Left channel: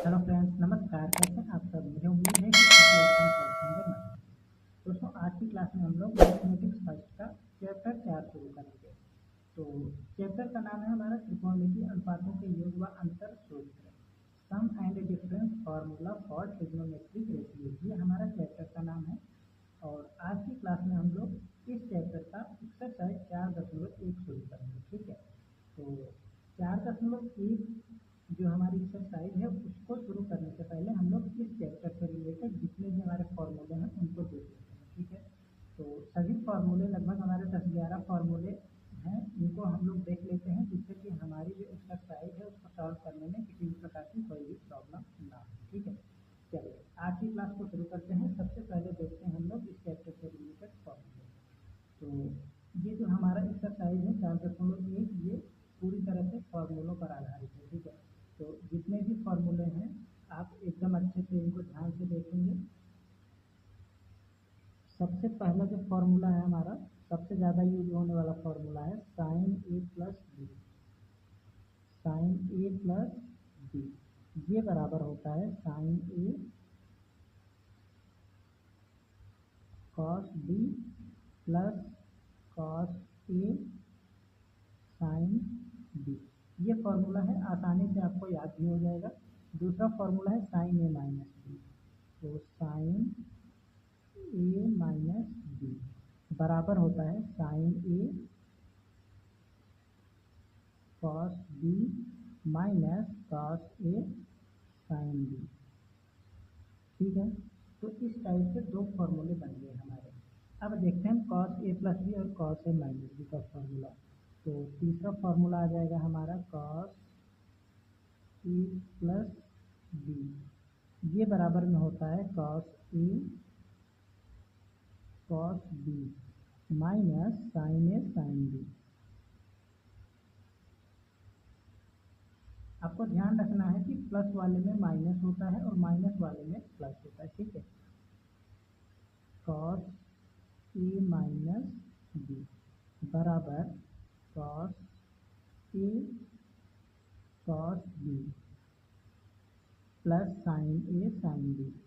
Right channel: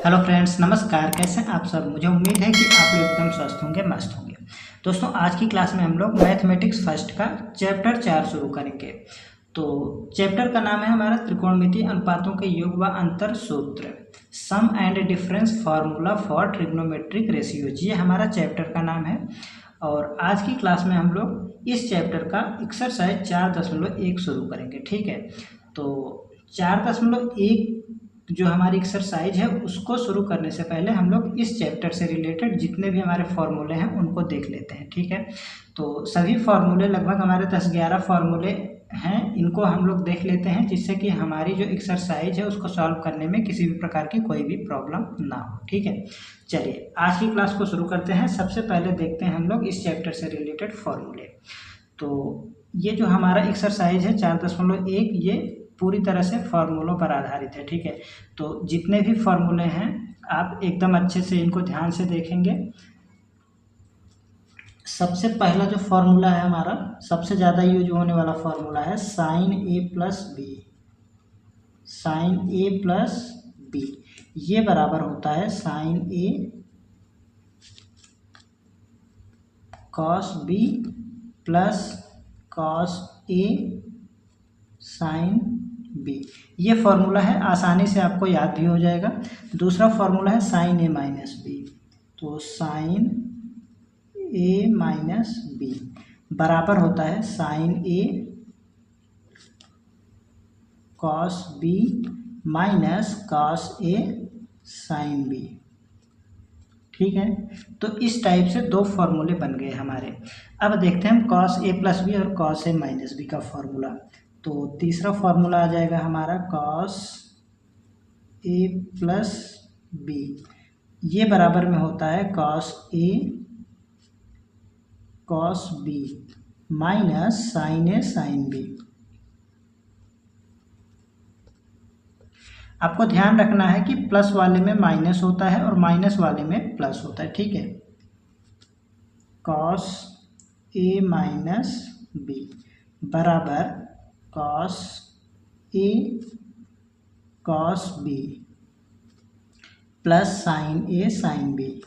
Hello friends, नमस्कार। कैसे हैं आप सब। मुझे उम्मीद है कि आप लोग एकदम स्वस्थ होंगे, मस्त होंगे। दोस्तों, आज की क्लास में हम लोग मैथमेटिक्स फर्स्ट का चैप्टर 4 शुरू करेंगे। तो चैप्टर का नाम है हमारा त्रिकोणमितीय अनुपातों के योग व अंतर सूत्र, sum and difference formula for trigonometric ratios. ये हमारा चैप्टर का नाम है। और आज की क्लास में हम लोग इस चैप्टर का एक्सरसाइज 4.1 शुरू करेंगे। ठीक है, तो 4.1 जो हमारी एक्सरसाइज है उसको शुरू करने से पहले हम लोग इस चैप्टर से रिलेटेड जितने भी हमारे फॉर्मूले हैं उनको देख लेते हैं। ठीक है, तो सभी फॉर्मूले लगभग हमारे 10-11 फॉर्मूले हैं, इनको हम लोग देख लेते हैं जिससे कि हमारी जो एक्सरसाइज है उसको सॉल्व करने में किसी भी प्रकार की कोई भी प्रॉब्लम ना हो। ठीक है, चलिए आज की क्लास को शुरू करते हैं। सबसे पहले देखते हैं हम लोग इस चैप्टर से रिलेटेड फॉर्मूले। तो ये जो हमारा एक्सरसाइज है 4.1 ये पूरी तरह से फार्मूलों पर आधारित है। ठीक है, तो जितने भी फार्मूले हैं आप एकदम अच्छे से इनको ध्यान से देखेंगे। सबसे पहला जो फार्मूला है हमारा, सबसे ज़्यादा यूज होने वाला फार्मूला है साइन ए प्लस बी। साइन ए प्लस बी ये बराबर होता है sign A cos B plus cos A sine B. ये फॉर्मूला है, आसानी से आपको याद भी हो जाएगा। दूसरा फॉर्मूला है साइन ए माइनस बी। तो साइन ए माइनस बी बराबर होता है sign A cos B minus cos A sine B. ठीक है, तो इस टाइप से दो फॉर्मूले बन गए हमारे। अब देखते हैं हम कॉस ए प्लस बी और कॉस ए माइनस बी का फॉर्मूला। तो तीसरा फॉर्मूला आ जाएगा हमारा कॉस ए प्लस बी, ये बराबर में होता है cos A cos B minus sign A sine B. आपको ध्यान रखना है कि प्लस वाले में माइनस होता है और माइनस वाले में प्लस होता है। ठीक है, कॉस ए माइनस बी बराबर cos A cos B plus sign A sine B.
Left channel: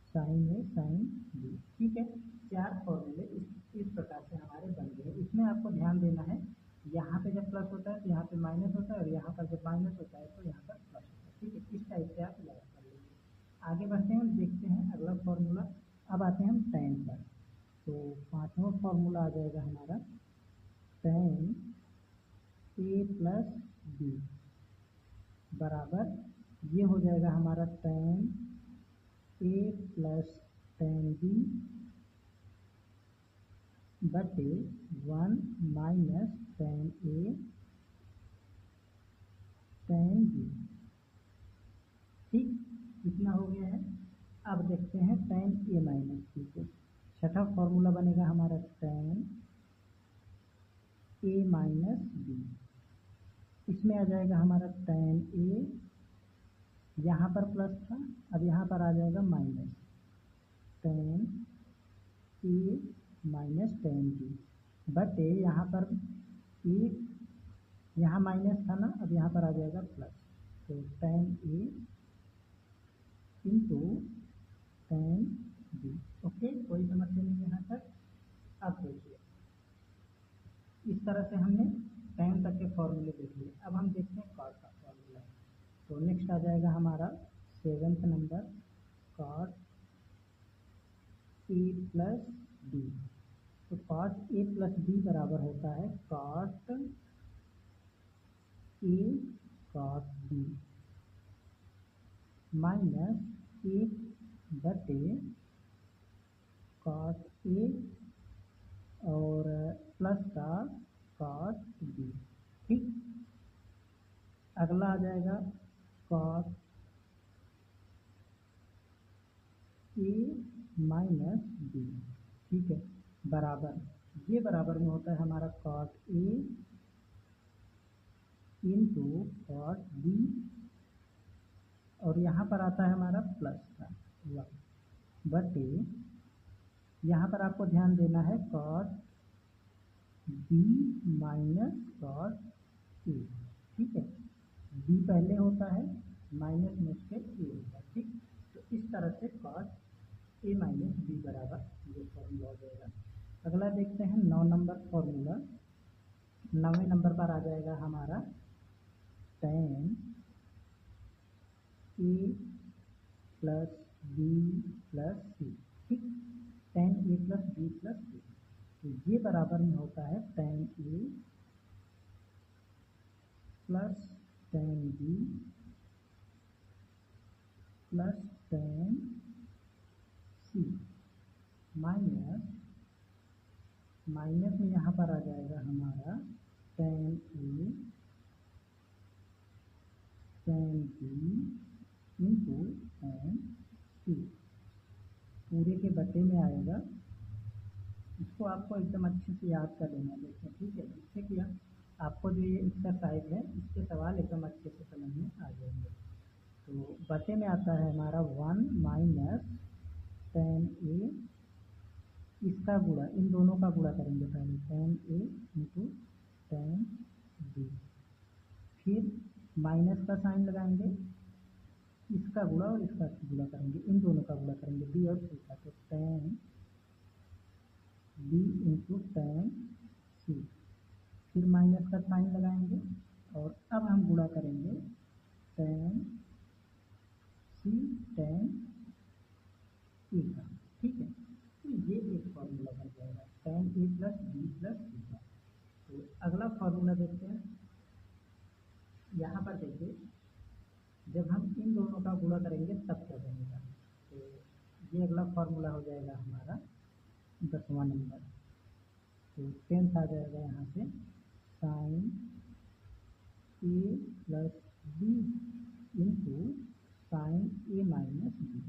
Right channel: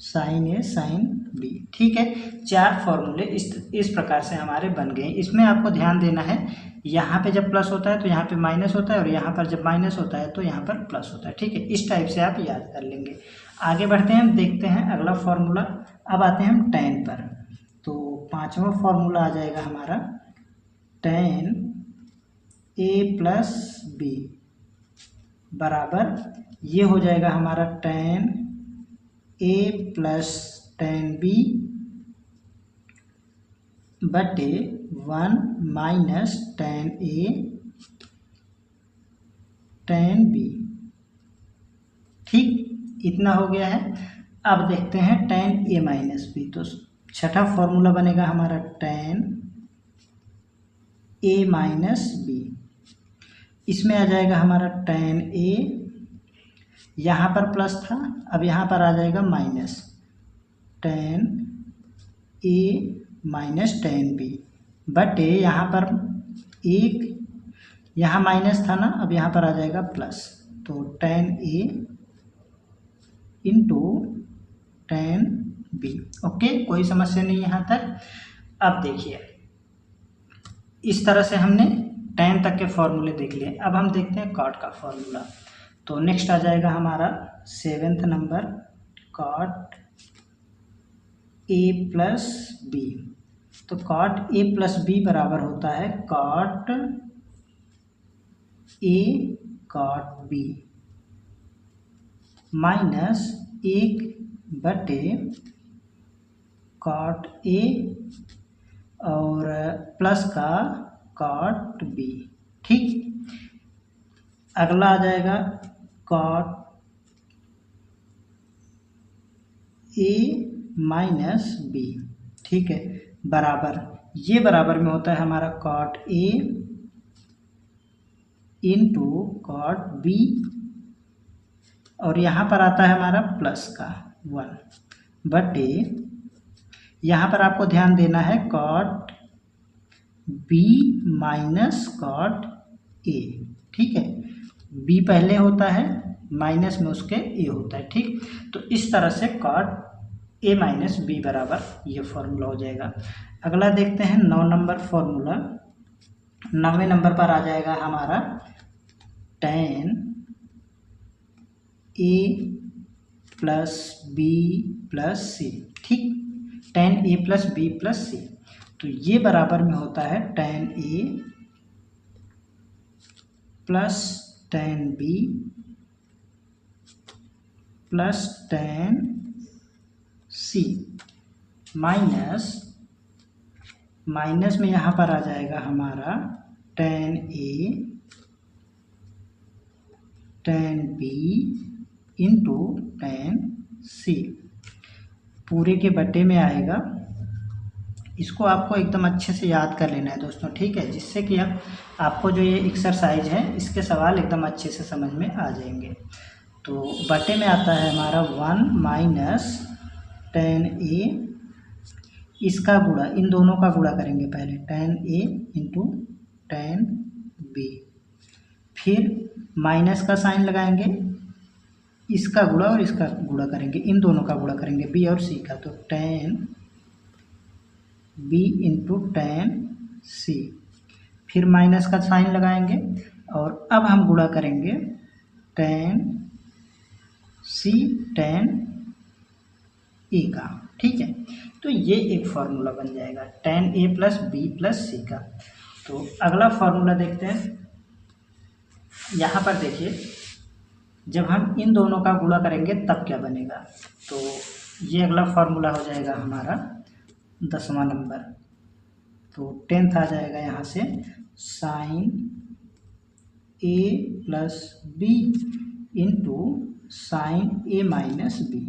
Sign A sine B. ठीक है, चार फॉर्मूले इस प्रकार से हमारे बन गए। इसमें आपको ध्यान देना है, यहाँ पे जब प्लस होता है तो यहाँ पे माइनस होता है और यहाँ पर जब माइनस होता है तो यहाँ पर प्लस होता है। ठीक है, इस टाइप से आप याद कर लेंगे। आगे बढ़ते हैं, हम देखते हैं अगला फॉर्मूला। अब आते हैं हम टेन पर। तो पाँचवा फॉर्मूला आ जाएगा हमारा टेन ए प्लस बी बराबर ये हो जाएगा हमारा टेन ए प्लस टेन बी बटे 1 माइनस टेन ए टेन बी। ठीक, इतना हो गया है। अब देखते हैं टेन ए माइनस बी। तो छठा फॉर्मूला बनेगा हमारा टेन ए माइनस बी। इसमें आ जाएगा हमारा टेन ए, यहाँ पर प्लस था, अब यहाँ पर आ जाएगा माइनस टेन ए माइनस टेन बी बटे यहाँ पर एक, यहाँ माइनस था ना, अब यहाँ पर आ जाएगा प्लस। तो टेन ए इंटू टेन बी। ओके, कोई समस्या नहीं यहाँ तक। अब देखिए, इस तरह से हमने टेन तक के फॉर्मूले देख लिए। अब हम देखते हैं कॉट का फॉर्मूला। तो नेक्स्ट आ जाएगा हमारा seventh number cot A plus B. तो कॉट ए प्लस बी बराबर होता है cot A cot B minus एक बटे कॉट ए और प्लस का कॉट बी। ठीक, अगला आ जाएगा कॉट ए माइनस बी। ठीक है, बराबर ये बराबर में होता है हमारा cot A into cot B और यहाँ पर आता है हमारा प्लस का 1 बटे, यहाँ पर आपको ध्यान देना है cot B minus cot A. ठीक है, बी पहले होता है, माइनस में उसके ए होता है, ठीक। तो इस तरह से कॉट ए माइनस बी बराबर ये फॉर्मूला हो जाएगा। अगला देखते हैं 9 नंबर फॉर्मूला। 9वें नंबर पर आ जाएगा हमारा tan A plus B plus C, ठीक। tan A plus B plus C, तो ये बराबर में होता है tan A plus tan B plus tan C minus में यहाँ पर आ जाएगा हमारा tan A tan B into tan C, पूरे के बटे में आएगा। इसको आपको एकदम अच्छे से याद कर लेना है दोस्तों, ठीक है, जिससे कि आपको जो ये एक्सरसाइज है इसके सवाल एकदम अच्छे से समझ में आ जाएंगे। तो बटे में आता है हमारा 1 माइनस tan ए, इसका गुणा, इन दोनों का गुणा करेंगे पहले, tan ए इंटू tan बी, फिर माइनस का साइन लगाएंगे, इसका गुणा और इसका गुणा करेंगे, इन दोनों का गुणा करेंगे बी और सी का, तो tan बी इंटू tan सी, फिर माइनस का साइन लगाएंगे और अब हम गुणा करेंगे tan सी tan ए का, ठीक है। तो ये एक फार्मूला बन जाएगा tan A plus B plus सी का। तो अगला फार्मूला देखते हैं। यहाँ पर देखिए, जब हम इन दोनों का गुणा करेंगे तब क्या बनेगा, तो ये अगला फार्मूला हो जाएगा हमारा 10वां नंबर। तो 10th आ जाएगा यहाँ से साइन ए प्लस बी इंटू साइन ए माइनस बी,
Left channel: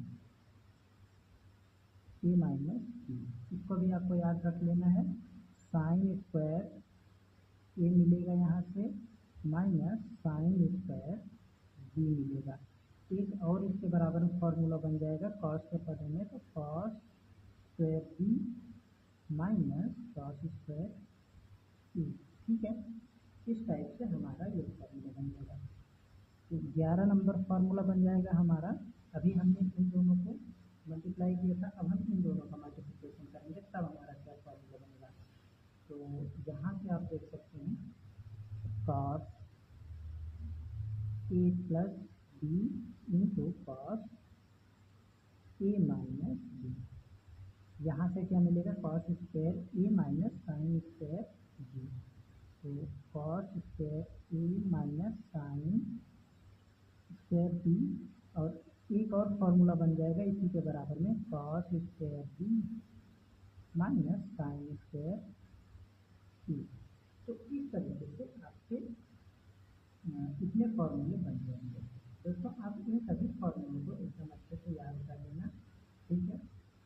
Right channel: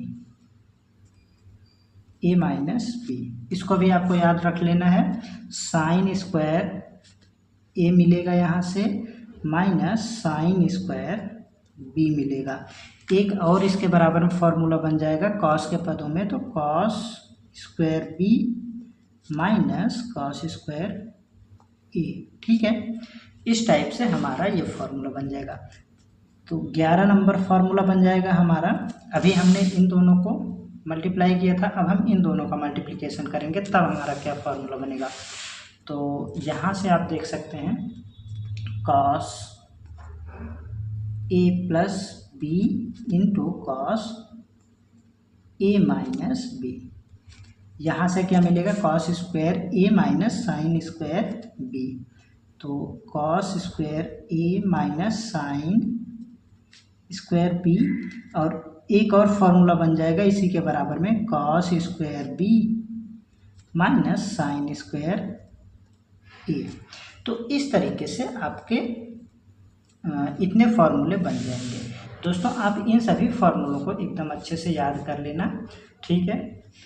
ए माइनस बी, इसको भी आपको याद रख लेना है। साइन स्क्वायर ए मिलेगा यहाँ से माइनस साइन स्क्वायर बी मिलेगा। एक और इसके बराबर में फॉर्मूला बन जाएगा कॉस के पदों में, तो cos square B minus cos square A, ठीक है। इस टाइप से हमारा ये फॉर्मूला बन जाएगा। तो 11 नंबर फॉर्मूला बन जाएगा हमारा। अभी हमने इन दोनों को मल्टीप्लाई किया था, अब हम इन दोनों का मल्टीप्लिकेशन करेंगे तब हमारा क्या फॉर्मूला बनेगा। तो यहाँ से आप देख सकते हैं cos A plus B into cos A minus B, यहाँ से क्या मिलेगा कॉस स्क्वायर ए माइनस साइन स्क्वायर बी, तो कॉस स्क्वायर ए माइनस साइन स्क्वायर बी, और एक और फॉर्मूला बन जाएगा इसी के बराबर में cos square B minus sine square A. तो इस तरीके से आपके इतने फार्मूले बन जाएंगे। दोस्तों आप इन सभी फार्मूलों को एकदम अच्छे से याद कर लेना, ठीक है।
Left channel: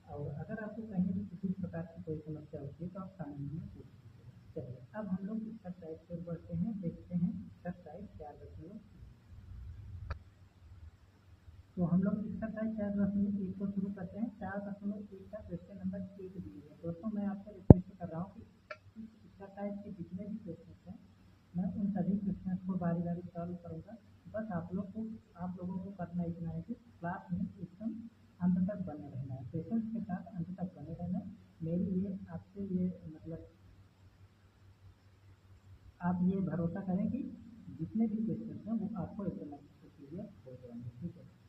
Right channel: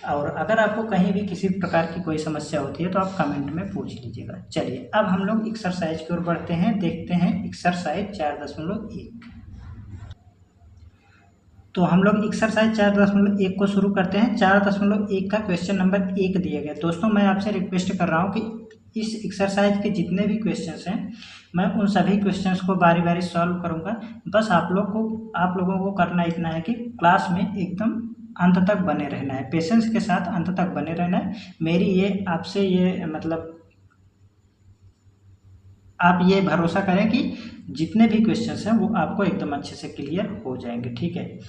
और अगर आपको कहीं भी किसी प्रकार की कोई समस्या होती है तो आप कमेंट में पूछ लीजिएगा। चलिए अब हम लोग एक्सरसाइज की ओर बढ़ते हैं, देखते हैं एक्सरसाइज 4.1। तो हम लोग एक्सरसाइज 4.1 को शुरू करते हैं। 4.1 का क्वेश्चन नंबर 1 दिया गया। दोस्तों मैं आपसे रिक्वेस्ट कर रहा हूँ कि इस एक्सरसाइज के जितने भी क्वेश्चंस हैं मैं उन सभी क्वेश्चंस को बारी बारी सॉल्व करूँगा। बस आप लोगों को करना इतना है कि क्लास में एकदम अंत तक बने रहना है, पेशेंस के साथ अंत तक बने रहना है। मेरी ये आपसे ये मतलब आप ये भरोसा करें कि जितने भी क्वेश्चंस हैं वो आपको एकदम अच्छे से क्लियर हो जाएंगे, ठीक है।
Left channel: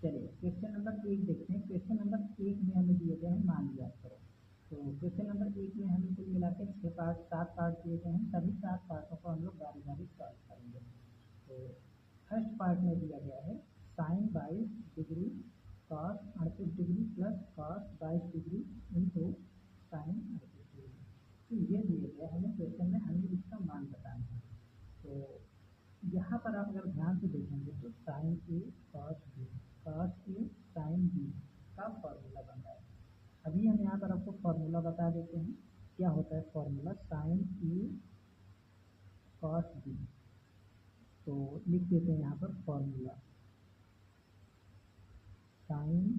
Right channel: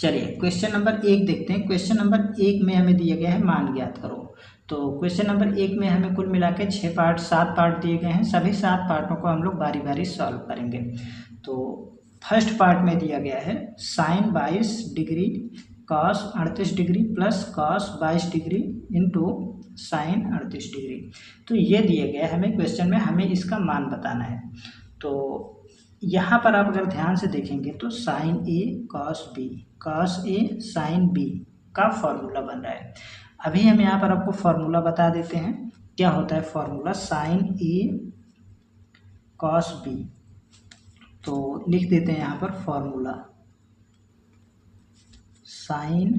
चलिए क्वेश्चन नंबर 1 देखते हैं। क्वेश्चन नंबर 1 में हमें दिया गया है मान ज्ञात करो। तो क्वेश्चन नंबर 1 में हमें कुल मिला के 7 पार्ट दिए गए हैं। सभी 7 पार्टों को हम लोग बारी बारी सॉल्व करेंगे। तो फर्स्ट पार्ट में दिया गया है sine 22 degree cos 38 degree plus cos 22 degree into sine 38 degree. तो ये दिए गए हमें क्वेश्चन में, हमें इसका मान बताना है। तो यहाँ पर आप अगर ध्यान से देखेंगे तो sign A cos A sine B का फॉर्मूला बन रहा है। अभी हम यहाँ पर आपको फॉर्मूला बता देते हैं क्या होता है फॉर्मूला साइन ए कॉस बी। तो लिख देते हैं यहाँ पर formula sine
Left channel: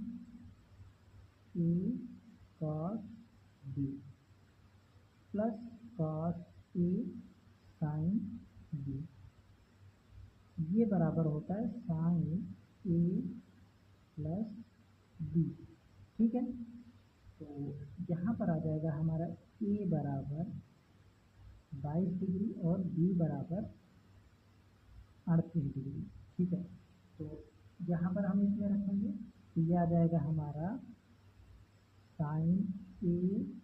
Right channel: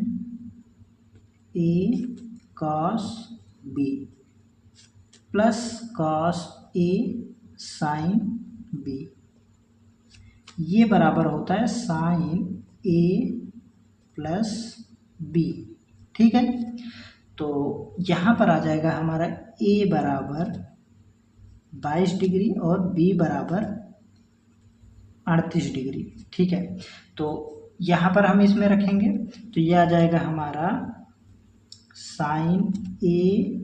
A cos B plus cos A sine B ये बराबर होता है साइन ए प्लस बी। ठीक है, तो यहाँ पर आ जाएगा हमारा ए बराबर 22 डिग्री और बी बराबर 38 डिग्री। ठीक है, तो यहाँ पर हम इसमें रखेंगे तो ये आ जाएगा हमारा साइन ए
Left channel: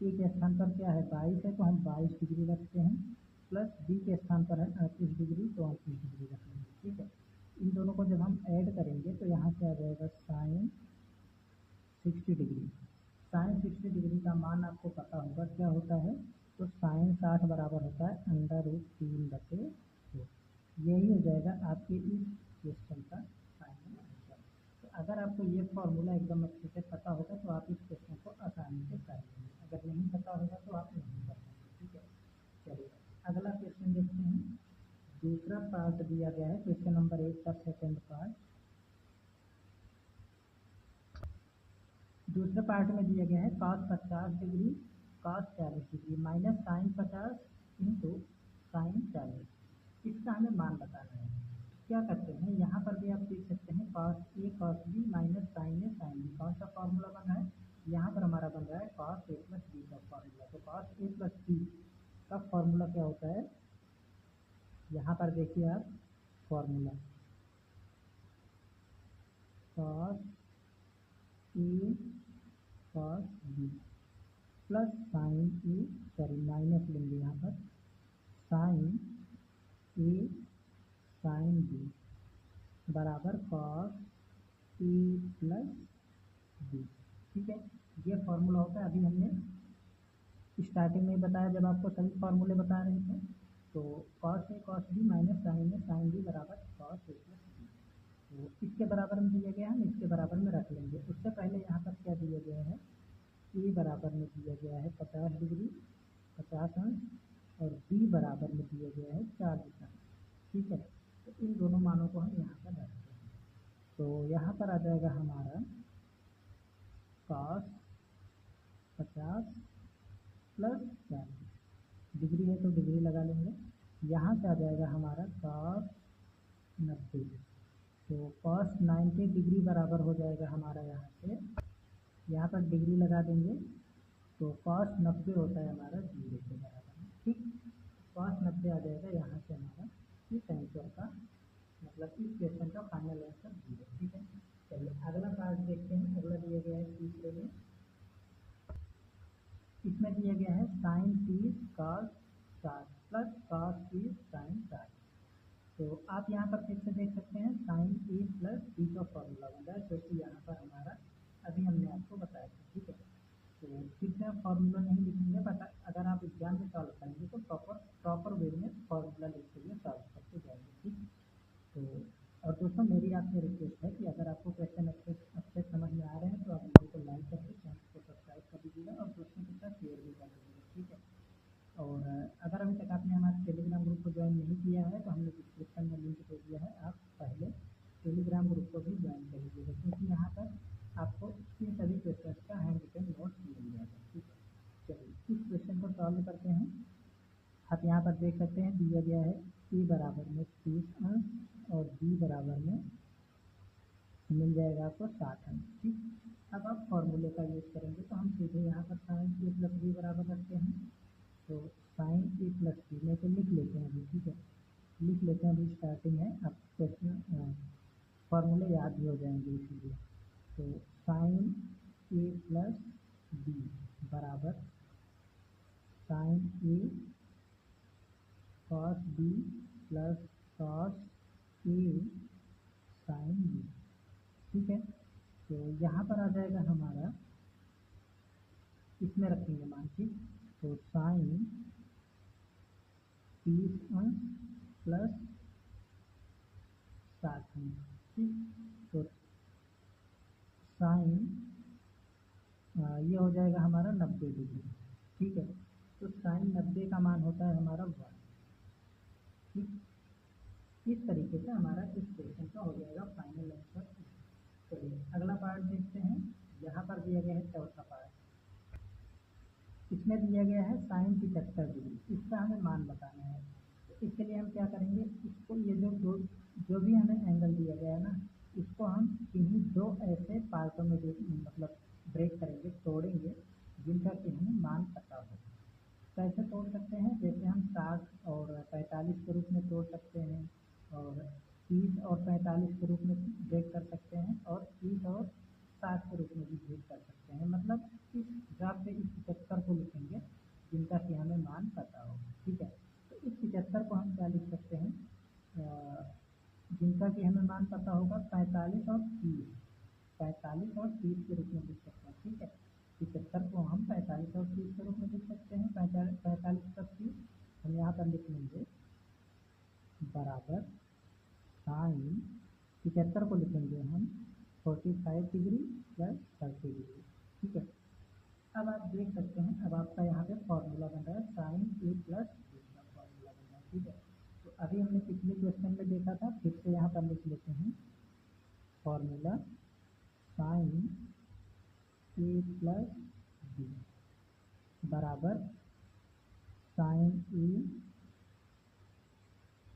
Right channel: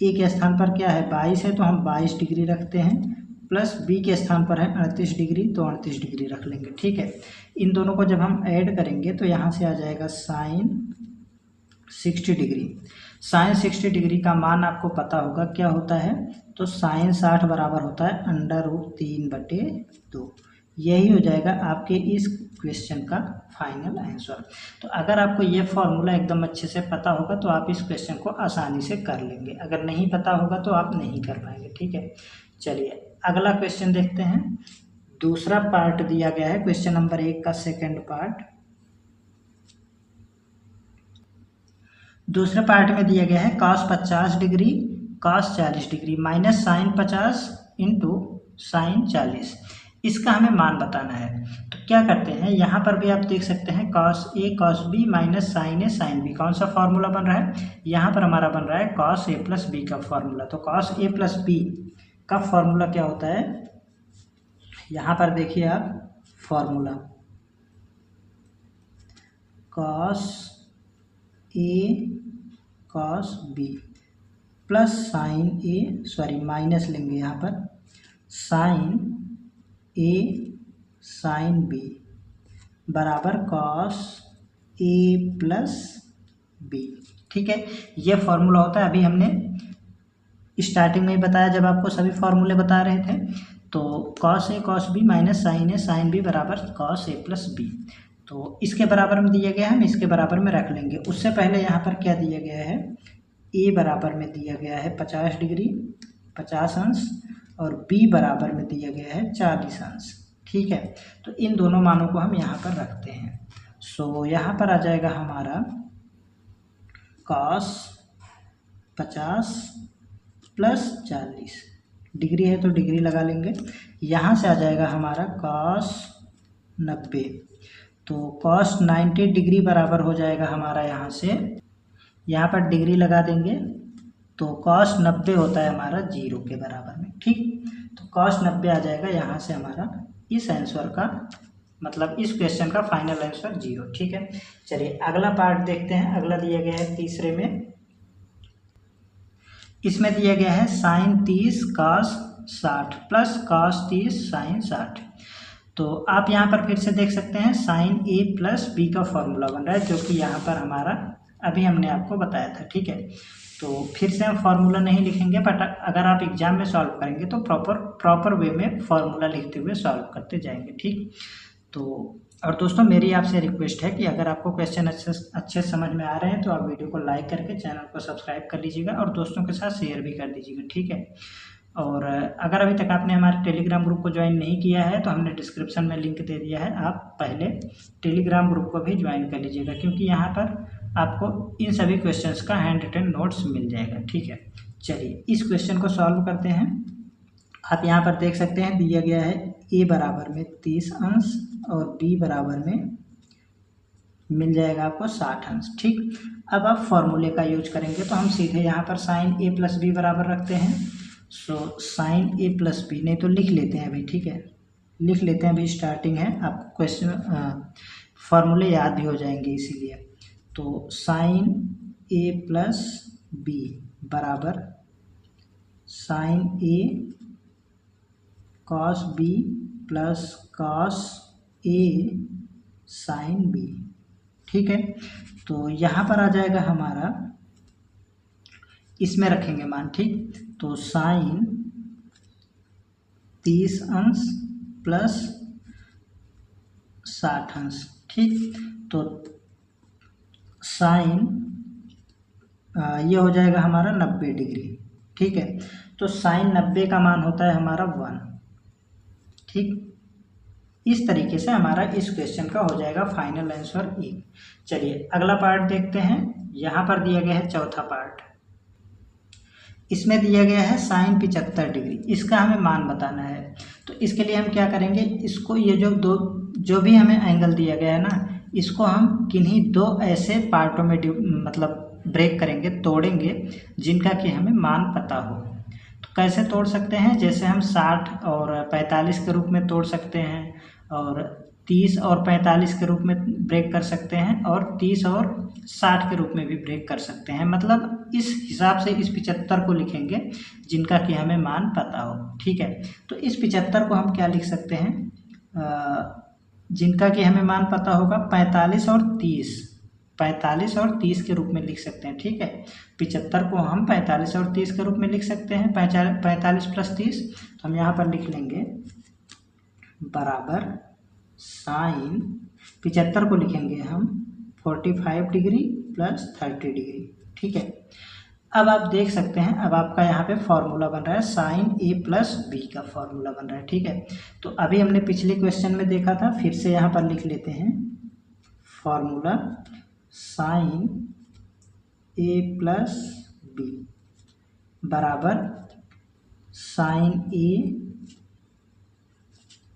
के स्थान पर क्या है 22 है तो हम 22 डिग्री रखते हैं, प्लस बी के स्थान पर है 38 डिग्री तो 38 डिग्री रख लेंगे। ठीक है, इन दोनों को जब हम ऐड करेंगे तो यहाँ से आ जाएगा साइन 60 डिग्री। साइन 60 डिग्री का मान आपको पता होगा क्या होता है, तो साइन 60 बराबर होता है √3/2। यही हो जाएगा आपके इस क्वेश्चन का फाइनल आंसर। तो अगर आपको ये फॉर्मूला एकदम अच्छे से पता होगा तो आप इस क्वेश्चन को आसानी से कर लेंगे, अगर नहीं पता होगा तो आप नहीं कर पाएंगे। ठीक है, चलिए अगला क्वेश्चन देखते हैं। दूसरा पार्ट दिया गया है क्वेश्चन नंबर 1 का सेकंड पार्ट। दूसरे पार्ट में दिया गया है cos 50 degree cos 40 degree minus sine 50 into sine 40। इसका हमें मान बताना है। तो क्या करते हैं, यहाँ पर भी आप देख सकते हैं cos A cos B minus sine A sine B। कौन सा फॉर्मूला बन रहा है, यहाँ पर हमारा बन रहा है cos A प्लस B का फॉर्मूला। तो cos A प्लस B का फॉर्मूला क्या होता है, यहाँ पर देखिए आप formula cos A cos B plus sign A minus लेंगे यहाँ पर साइन A साइन B बराबर cos A प्लस B। ठीक है, ये फॉर्मूला होता है। अभी हमने स्टार्टिंग में ही बताया जब आपको सभी फॉर्मूले बता रहे थे, तो cos A cos B minus sine A sine B बराबर cos A प्लस B। तो इसके बराबर में दिया गया है, हम इसके बराबर में रख लेंगे। उससे पहले यहाँ पर क्या दिया गया है, A बराबर में दिया गया है 50 डिग्री 50 अंश और B बराबर में दिया गया है 40 अंश। ठीक है, तो इन दोनों मानों को हम यहाँ पर रखते हैं। सो यहाँ पर आ जाएगा हमारा cos 50 प्लस 40 डिग्री है तो डिग्री लगा लेंगे। यहाँ से आ जाएगा हमारा cos 90। तो cos 90 डिग्री बराबर हो जाएगा हमारा, यहाँ पर डिग्री लगा देंगे तो cos 90 होता है हमारा 0 के बराबर में। ठीक, तो cos 90 आ जाएगा यहाँ से हमारा इस आंसर का, मतलब इस क्वेश्चन का फाइनल आंसर 0। ठीक है, चलिए अगला पार्ट देखते हैं। अगला दिया गया है तीसरे में, इसमें दिया गया है sine 30 cos 60 plus cos 30 sine 60। तो आप यहाँ पर फिर से देख सकते हैं साइन A प्लस B का फॉर्मूला बन रहा है, जो कि यहाँ पर हमारा अभी हमने आपको बताया था। ठीक है, तो फिर से हम फार्मूला नहीं लिखेंगे, बट अगर आप एग्जाम में सॉल्व करेंगे तो प्रॉपर वे में फार्मूला लिखते हुए सॉल्व करते जाएंगे। ठीक, तो और दोस्तों मेरी आपसे रिक्वेस्ट है कि अगर आपको क्वेश्चन अच्छे समझ में आ रहे हैं तो आप वीडियो को लाइक करके चैनल को सब्सक्राइब कर लीजिएगा और दोस्तों के साथ शेयर भी कर दीजिएगा। ठीक है, और अगर अभी तक आपने हमारे टेलीग्राम ग्रुप को ज्वाइन नहीं किया है तो हमने डिस्क्रिप्शन में लिंक दे दिया है, आप पहले टेलीग्राम ग्रुप को भी ज्वाइन कर लीजिएगा, क्योंकि यहाँ पर आपको इन सभी क्वेश्चंस का हैंड रिटन नोट्स मिल जाएगा। ठीक है, चलिए इस क्वेश्चन को सॉल्व करते हैं। आप यहाँ पर देख सकते हैं दिया गया है A बराबर में 30 अंश और B बराबर में मिल जाएगा आपको 60 अंश। ठीक, अब आप फॉर्मूले का यूज करेंगे तो हम सीधे यहाँ पर साइन A प्लस B बराबर रखते हैं। So sine A plus B, नहीं तो लिख लेते हैं अभी। ठीक है, लिख लेते हैं, अभी स्टार्टिंग है, आपको क्वेश्चन फॉर्मूले याद भी हो जाएंगे इसीलिए। तो साइन A प्लस B बराबर sine A cos B plus cos A sine B। ठीक है, तो यहाँ पर आ जाएगा हमारा, इसमें रखेंगे मान। ठीक, तो साइन 30 अंश प्लस 60 अंश। ठीक, तो साइन ये हो जाएगा हमारा 90 डिग्री। ठीक है, तो साइन 90 का मान होता है हमारा 1। ठीक, इस तरीके से हमारा इस क्वेश्चन का हो जाएगा फाइनल आंसर 1। चलिए अगला पार्ट देखते हैं। यहाँ पर दिया गया है चौथा पार्ट। इसमें दिया गया है साइन 75 डिग्री, इसका हमें मान बताना है। तो इसके लिए हम क्या करेंगे, इसको ये जो भी हमें एंगल दिया गया है ना, इसको हम किन्हीं दो ऐसे पार्टों में मतलब ब्रेक करेंगे, तोड़ेंगे, जिनका कि हमें मान पता हो। तो कैसे तोड़ सकते हैं, जैसे हम 60 और 45 के रूप में तोड़ सकते हैं, और 30 और 45 के रूप में ब्रेक कर सकते हैं, और 30 और 60 के रूप में भी ब्रेक कर सकते हैं। मतलब इस हिसाब से इस 75 को लिखेंगे जिनका कि हमें मान पता हो। ठीक है, तो इस 75 को हम क्या लिख सकते हैं, जिनका कि हमें मान पता होगा 45 और 30 के रूप में लिख सकते हैं। ठीक है, 75 को हम 45 और 30 के रूप में लिख सकते हैं। 45 + 30, तो हम यहाँ पर लिख लेंगे बराबर साइन 75 को लिखेंगे हम 45 डिग्री + 30 डिग्री। ठीक है, अब आप देख सकते हैं, अब आपका यहाँ पे फॉर्मूला बन रहा है साइन A + B का फॉर्मूला बन रहा है। ठीक है, तो अभी हमने पिछले क्वेश्चन में देखा था, फिर से यहाँ पर लिख लेते हैं फॉर्मूला साइन A + B बराबर sine A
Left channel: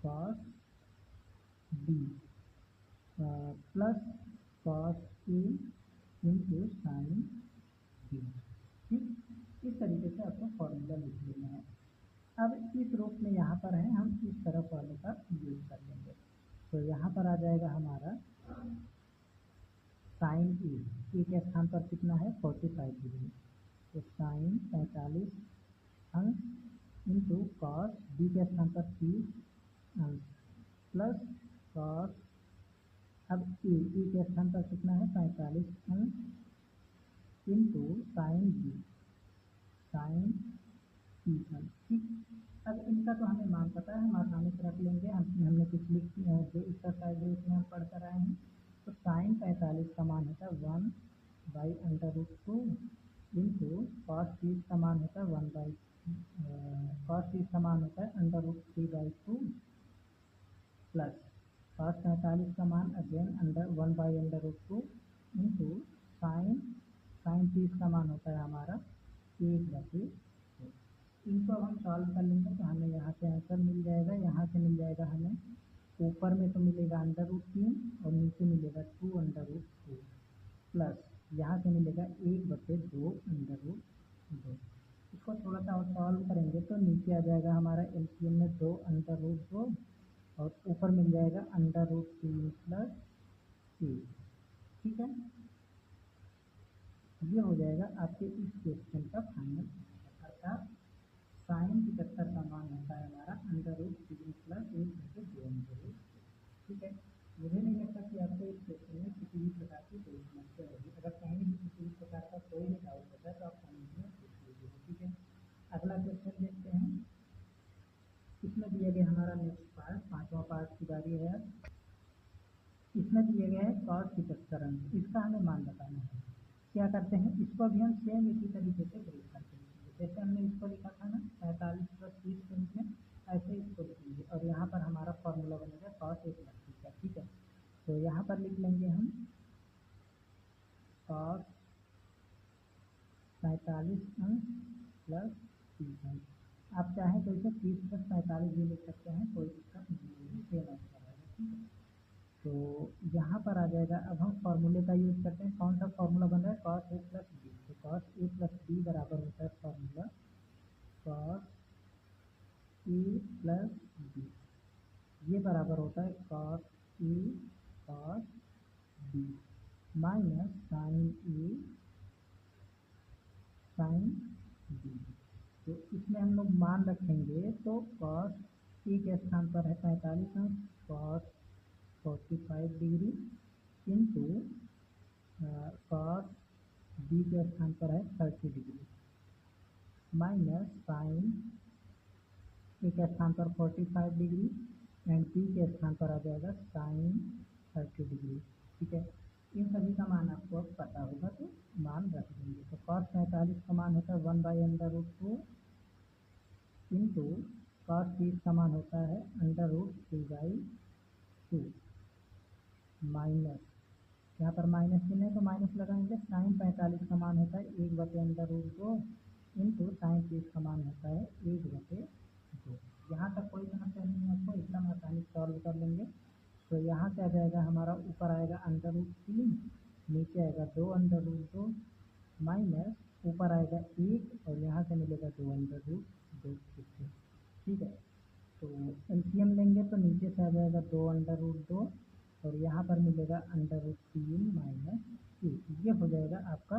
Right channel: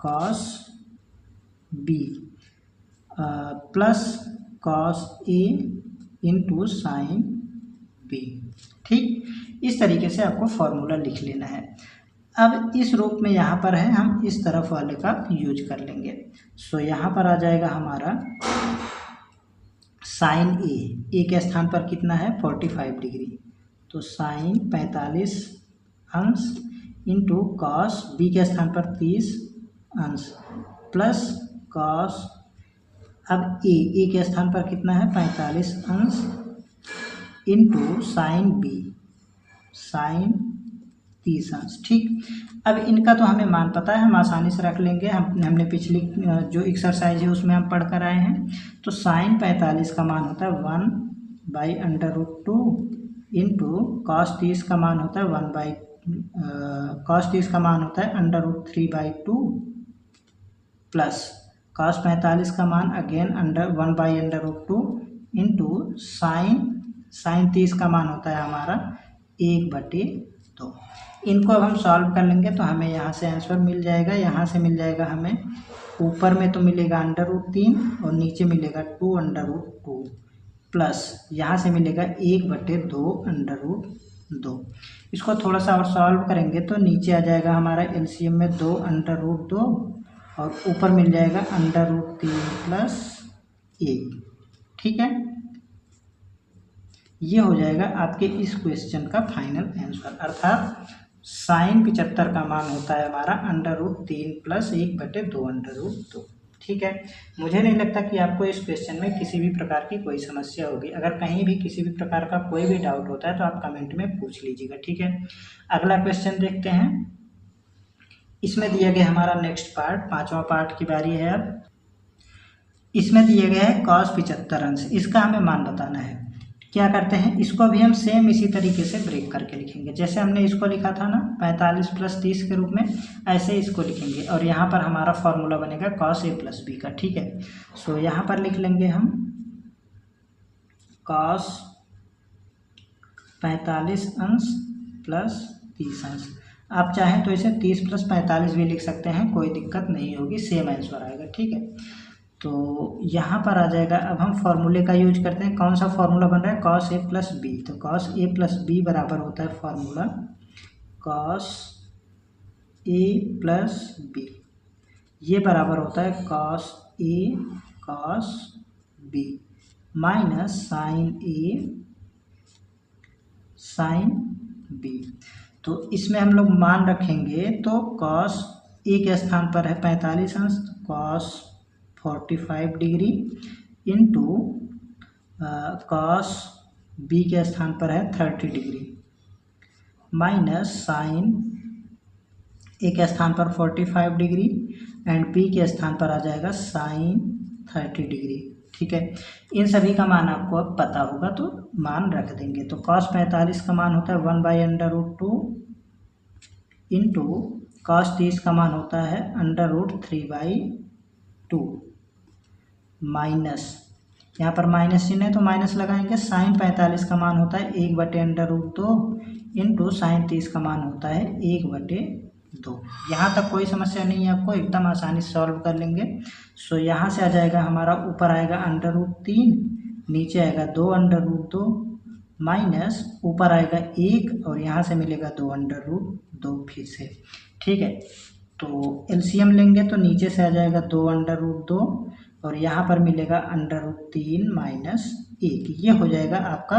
cos B plus cos A into sine B। ठीक, इस तरीके से आपको फॉर्मूला लिख लेना है। अब इस रूप में यहाँ पर है, हम इस तरफ वाले का यूज कर लेंगे। सो यहाँ पर आ जाएगा हमारा साइन ए के स्थान पर कितना है 45 डिग्री, तो साइन 45 अंश इंटू कॉस बी के स्थान पर 30 अंश प्लस कॉस, अब ए के स्थान पर कितना है 45 अंश इंटू साइन बी साइन 30 अंश। ठीक, अब इनका तो हमें मान पता है, हम आसानी से रख लेंगे। हमने पिछली जो एक्सरसाइज है उसमें हम पढ़ कर आए हैं। तो साइन 45 का मान होता है 1/√2 इंटू कॉस 30 का मान होता है कॉस 30 का मान होता है √3/2 प्लस कॉस 45 का मान अगेन 1/√2 इंटू साइन 30 का मान होता है हमारा 1/2। इनको अब हम सॉल्व कर लेंगे तो हमें यहाँ से आंसर मिल जाएगा। यहाँ से मिल जाएगा हमें, ऊपर में तो मिलेगा √3 और नीचे मिलेगा 2/2 प्लस यहाँ से मिलेगा 1/2 इसको थोड़ा सा और सॉल्व करेंगे तो नीचे आ जाएगा हमारा एलसीएम में 2/2 और ऊपर मिल जाएगा √3 + 1। ठीक है, ये हो जाएगा आपके इस क्वेश्चन का फाइनल आंसर, अर्थात साइन 75 का मान होता है हमारा √3 + 1/2। ठीक है, मुझे नहीं लगता कि आपको इस क्वेश्चन में किसी भी प्रकार की कोई समस्या होगी। अगर कहीं भी किसी भी प्रकार का कोई भी डाउट होता है तो आप कमेंट में पूछ लीजिएगा। ठीक है, अगला क्वेश्चन देखते हैं। इसमें दिया गया हमारा नेक्स्ट पार्ट, 5वां पार्ट की बारी है। अब इसमें दिया गया है cos 75 अंश, इसका हमें मान बताना है। क्या करते हैं, इसको भी हम सेम इसी तरीके से ब्रेक करके लिखेंगे। जैसे हमने इसको लिखा था ना 45 + 30 के रूप में, ऐसे इसको लिखेंगे और यहाँ पर हमारा फॉर्मूला बनेगा cos A + B का। ठीक है, सो यहाँ पर लिख लेंगे हम cos 45 अंश प्लस 30 अंश। आप चाहें तो इसे 30 + 45 भी लिख सकते हैं, कोई दिक्कत नहीं होगी, सेम आंसर आएगा। ठीक है, तो यहाँ पर आ जाएगा। अब हम फॉर्मूले का यूज करते हैं। कौन सा फॉर्मूला बन रहा है, cos A + B। तो cos A + B बराबर होता है फॉर्मूला cos A + B, ये बराबर होता है cos A cos B minus sine A sine B। तो इसमें हम लोग मान रखेंगे तो cos A के स्थान पर है 45 अंश, cos 45 degree into cos B के स्थान पर है 30 डिग्री माइनस साइन A के स्थान पर 45 डिग्री एंड B के स्थान पर आ जाएगा साइन 30 डिग्री। ठीक है, इन सभी का मान आपको अब पता होगा तो मान रख देंगे। तो cos 45 का मान होता है 1/√2 इंटू cos 30 का मान होता है √3/2 माइनस यहाँ पर माइनस चिन्ह है तो माइनस लगाएंगे। साइन 45 का मान होता है 1/√2 इंटू साइन 30 का मान होता है 1/2। यहाँ तक कोई समस्या नहीं है, आपको एकदम आसानी से सॉल्व कर लेंगे। सो यहाँ से आ जाएगा हमारा, ऊपर आएगा √3, नीचे आएगा 2/2 माइनस ऊपर आएगा 1 और यहाँ से मिलेगा 2/2 फिर से। ठीक है, तो एलसीएम लेंगे तो नीचे से आ जाएगा 2/2 और यहाँ पर मिलेगा √3 माइनस 1। ये हो जाएगा आपका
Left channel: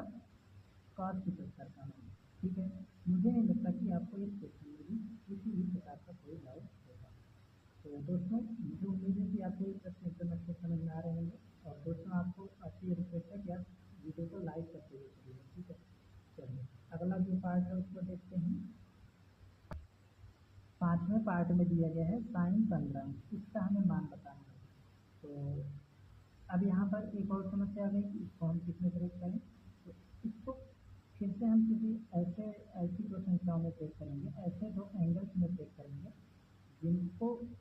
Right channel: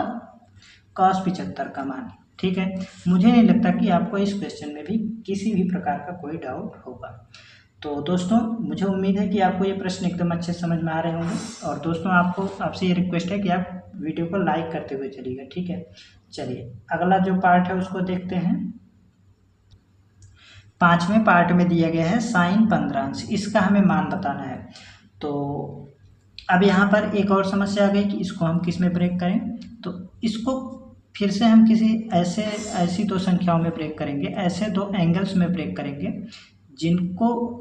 cos 75 का मान। ठीक है, मुझे नहीं लगता कि आपको इस क्वेश्चन में भी किसी भी प्रकार का कोई डाउट होगा। तो दोस्तों मुझे उम्मीद है कि आपको ये प्रश्न एकदम अच्छे से समझ में आ रहे होंगे। और दोस्तों आपसे ये रिक्वेस्ट है कि आप वीडियो को लाइक करते हुए चलिएगा। ठीक है, चलिए अगला जो पार्ट है उसको देखते हैं। 5वें पार्ट में दिया गया है साइन 15, इसका हमें मान बताना है। तो अब यहाँ पर एक और समस्या आ गई कि इसको हम किस में ब्रेक करें। तो इसको फिर से हम किसी ऐसी दो संख्याओं में ब्रेक करेंगे, ऐसे दो एंगल्स में ब्रेक करेंगे जिनको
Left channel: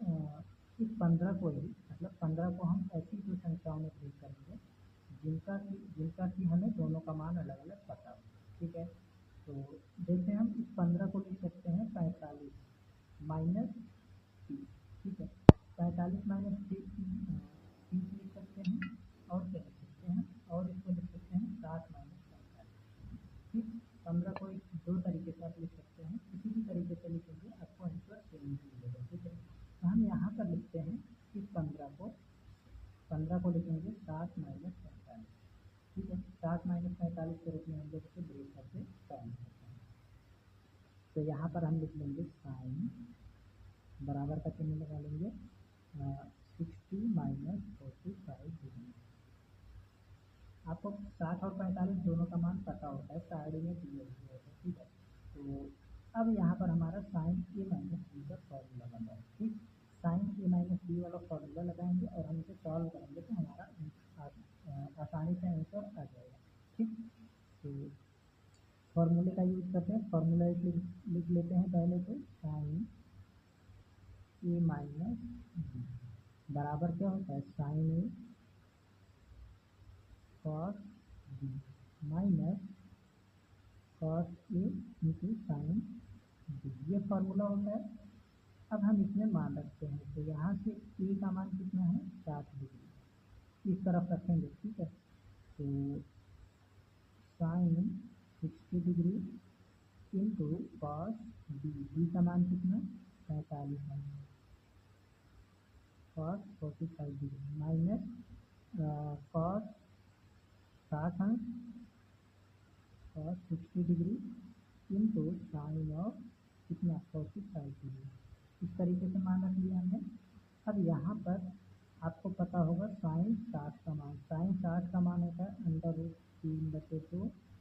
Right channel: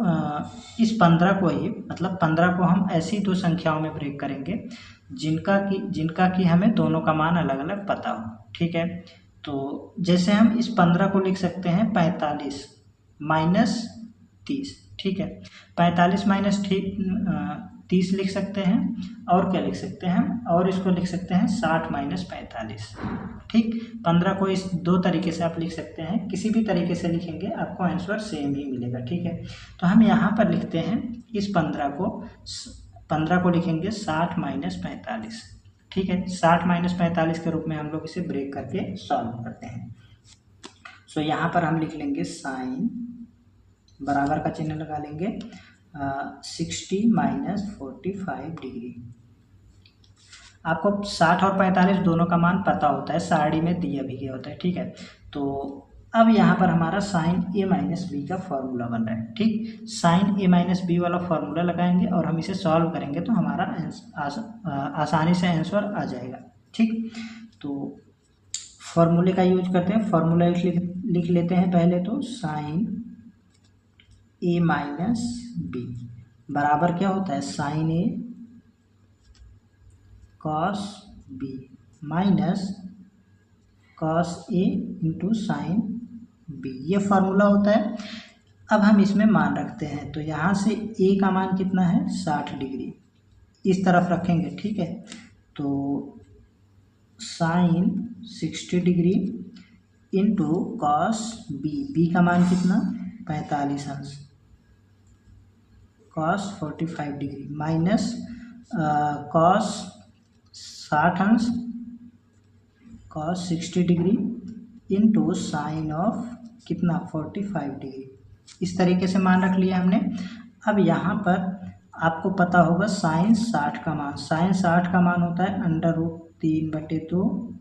इस 15 को ही, मतलब 15 को हम ऐसी दो संख्याओं में ब्रेक करेंगे जिनका कि हमें दोनों का मान अलग अलग पता हो। ठीक है, तो जैसे हम इस 15 को लिख सकते हैं 45 माइनस 30। ठीक है, 45 माइनस 30 लिख सकते हैं, और क्या लिख सकते हैं, और इसको लिख सकते हैं 60 माइनस 45। ठीक, 15 को इस दो तरीके से आप लिख सकते हैं, किसी भी तरीके से लिखेंगे आपको आंसर सेम ही मिलेगा। ठीक है, तो हम यहाँ पर लिखते हैं इस 15 को लिखेंगे 60 माइनस 45। ठीक है, 60 माइनस 45 के रूप में हम लोग इसे ब्रेक करके सॉल्व करते हैं। सो यहाँ पर हम लिख लेंगे साइन, बराबर का चिन्ह लगा लेंगे, 60 माइनस 45 डिग्री। आपको 60 और 45 दोनों का मान पता होता है, सारणी में दिया भी गया होता है। ठीक है, तो अब यहाँ पर हमारा साइन a माइनस बी का फॉर्मूला बन रहा है। ठीक, साइन a माइनस बी वाला फॉर्मूला लगाएंगे और हम इसे सॉल्व करेंगे तो हमारा आसानी से आंसर आ जाएगा। ठीक, तो फॉर्मूले का यूज करते हैं। फॉर्मूला लिख लेते हैं पहले तो, साइन a माइनस बी बराबर क्या होता है, sine a cos b minus cos a into sine b, ये फार्मूला होता है। अब हम इसमें मान रखते हैं, तो यहाँ से a का मान कितना है 60 डिग्री, इस तरफ रखेंगे। ठीक है, तो sine 60 degree into cos b का मान कितना 45 अंश, कॉस 45 डिग्री माइनस कॉस 60 अंश, cos 60 degree into sign of कितना 45 डिग्री। इस तरीके से मान रख लिया हमने। अब यहाँ पर आपको पता होगा साइन 60 का मान, साइन 60 का मान होता है √3/2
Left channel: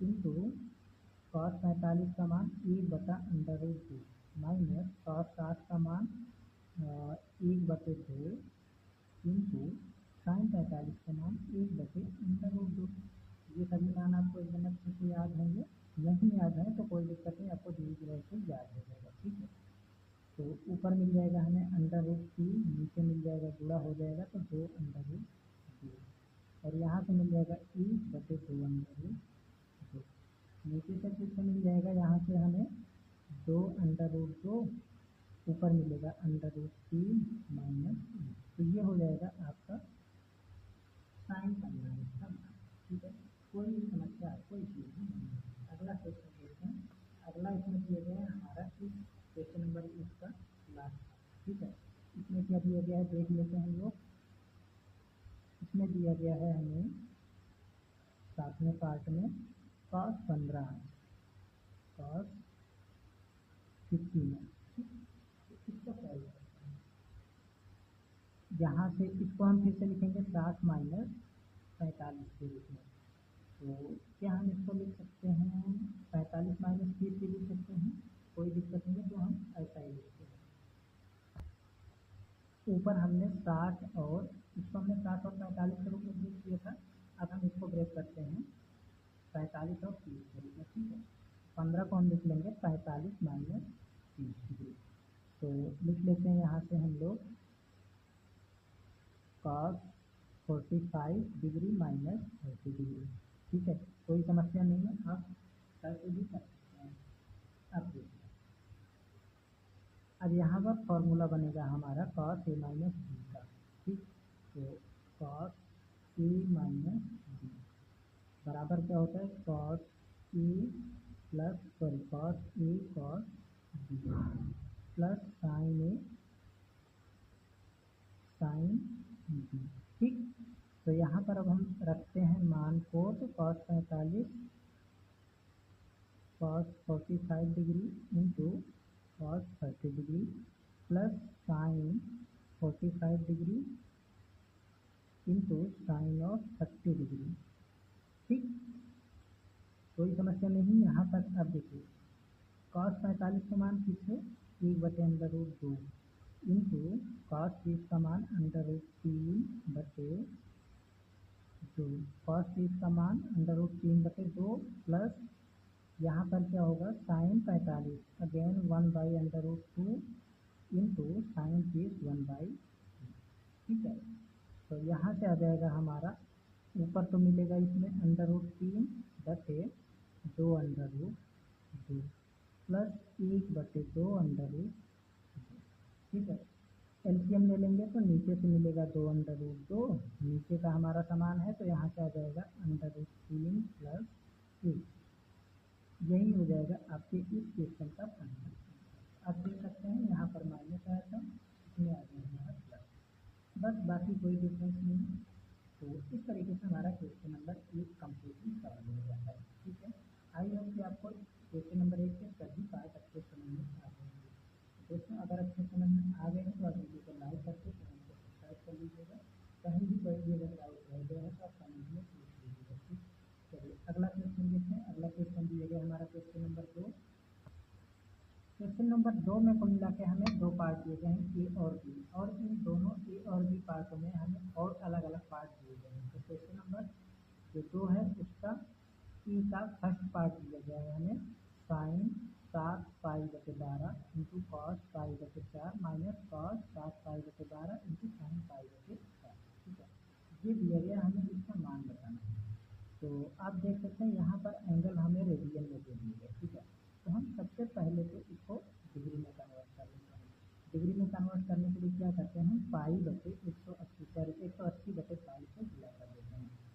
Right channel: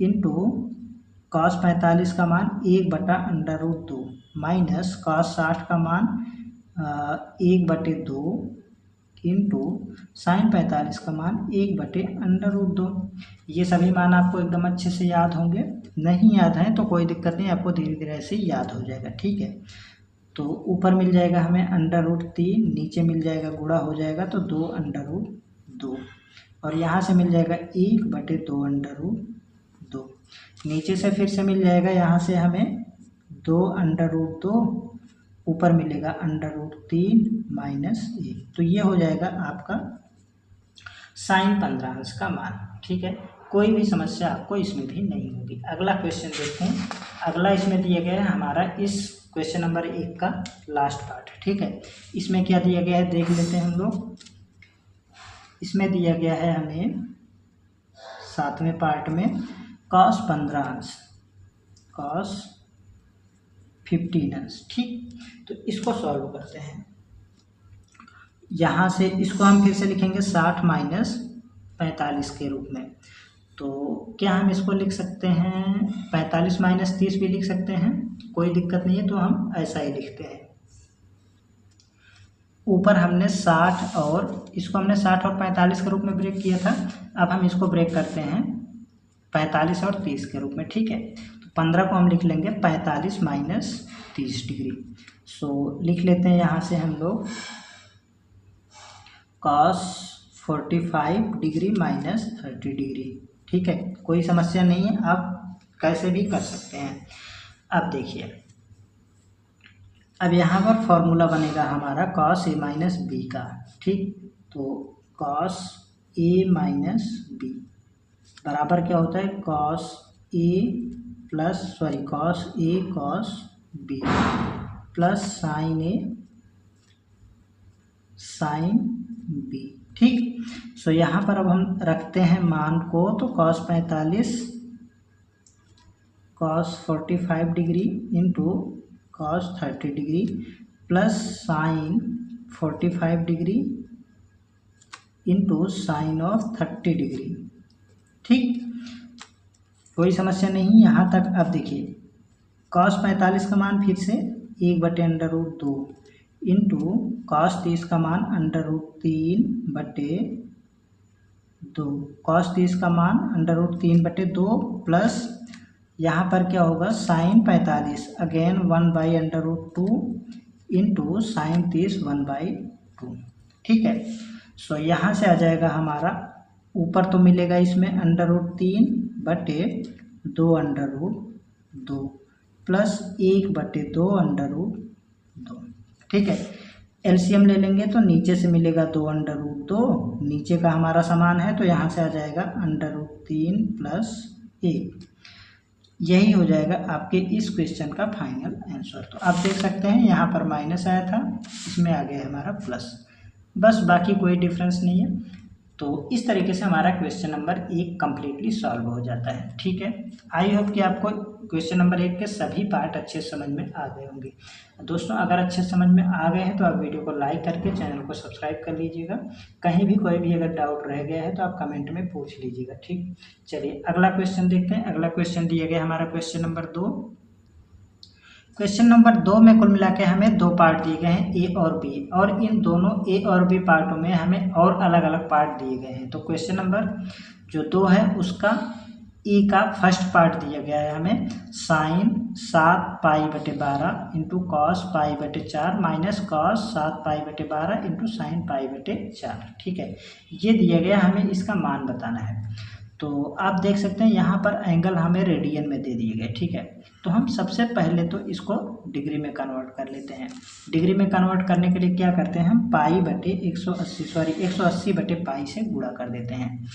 इंटू कॉस 45 का मान 1/√2 माइनस कॉस 60 का मान 1/2 इंटू साइन 45 का मान 1/√2। ये सभी मान आपको एकदम अच्छे से याद होंगे, नहीं याद है तो कोई दिक्कत नहीं, आपको धीरे धीरे ऐसे याद हो जाएगा। ठीक है, तो ऊपर मिल जाएगा हमें √3, नीचे मिल जाएगा गुणा हो जाएगा तो 2/2, और यहाँ से मिल जाएगा 1/2√2, नीचे से फिर से मिल जाएगा यहाँ से हमें 2/2, ऊपर मिलेगा √3 माइनस 1। तो ये हो जाएगा आपका साइन 15 का मान। ठीक है, कोई भी समस्या आपको इसमें भी नहीं होगी। अगला क्वेश्चन देखते हैं। अगला इसमें दिया गया है हमारा इस क्वेश्चन नंबर 1 का लास्ट पार्ट। ठीक है, इसमें क्या दिया गया है देख लेते हैं हम लोग। इसमें दिया गया है हमें 7वें पार्ट में cos 15 अंश, cos 15 अंश। ठीक, तो इसको सॉल्व करते हैं। यहाँ से इसको हम फिर से लिखेंगे 60 माइनस 45 के रूप में। तो क्या हम इसको लिख सकते हैं 45 माइनस 30 भी लिख सकते हैं, कोई दिक्कत नहीं है, तो हम ऐसा ही लिखते हैं। ऊपर हमने 60 और इसको हमने 60 और 45 के रूप में ब्रेक किया था, अब हम इसको ब्रेक करते हैं 45 और 30 के रूप में। ठीक है, तो 15 को हम लिख लेंगे 45 माइनस 30 डिग्री। सो लिख लेते हैं यहाँ से हम लोग cos 45 डिग्री माइनस 30 डिग्री। ठीक है, कोई समस्या नहीं है, आप कैसे भी कर सकते हैं। अब देखिए, अब यहाँ पर फॉर्मूला बनेगा हमारा कॉस ए माइनस बी का। ठीक, तो कॉस ए माइनस बी बराबर क्या होता है, cos A cos B plus sign A sine B. ठीक, सो यहाँ पर अब हम रखते हैं मान को, तो cos 45 cos 45 degree into cos 30 degree plus sign 45 degree into sign of 30 degree. ठीक, कोई समस्या नहीं यहाँ तक। अब देखिए, कॉस 45 का मान फिर से 1/√2 इंटू कॉस 30 का मान √3/2, कॉस 30 का मान √3/2 प्लस यहाँ पर क्या होगा, साइन 45 अगेन 1/√2 इंटू साइन 30 1/2। ठीक है, सो यहाँ से आ जाएगा हमारा, ऊपर तो मिलेगा इसमें √3/2 प्लस 1/2 √2। ठीक है, एलसीएम ले लेंगे तो नीचे से मिलेगा 2/2, नीचे का हमारा समान है तो यहाँ से आ जाएगा √3 प्लस 1। यही हो जाएगा आपके इस क्वेश्चन का फाइनल आंसर। तो आप देख सकते हैं यहाँ पर माइनस आया था, इसमें आ गया हमारा प्लस, बस बाकी कोई डिफरेंस नहीं है। तो इस तरीके से हमारा क्वेश्चन नंबर 1 कम्प्लीटली सॉल्व हो जाता है। ठीक है, आई होप कि आपको क्वेश्चन नंबर 1 के सभी पार्ट अच्छे समझ में आ गए होंगे। दोस्तों, अगर अच्छे समझ में आ गए हैं तो आप वीडियो को लाइक करके चैनल को सब्सक्राइब कर लीजिएगा। कहीं भी कोई भी अगर डाउट रह गया है तो आप कमेंट में पूछ लीजिएगा। ठीक, चलिए अगला क्वेश्चन देखते हैं। अगला क्वेश्चन दिया गया हमारा क्वेश्चन नंबर 2। क्वेश्चन नंबर 2 में कुल मिला के हमें 2 पार्ट दिए गए हैं, ए और बी, और इन दोनों ए और बी पार्टों में हमें और अलग अलग पार्ट दिए गए हैं। तो क्वेश्चन नंबर जो 2 है उसका ए का फर्स्ट पार्ट दिया गया है हमें, sine 7π/12 into cos π/4 minus cos 7π/12 into sine π/4। ठीक है, ये दिया गया, हमें इसका मान बताना है। तो आप देख सकते हैं यहाँ पर एंगल हमें रेडियन में दे दिए गए। ठीक है, तो हम सबसे पहले तो इसको डिग्री में कन्वर्ट कर लेते हैं। डिग्री में कन्वर्ट करने के लिए क्या करते हैं, हम π/180 180/π से गुणा कर देते हैं।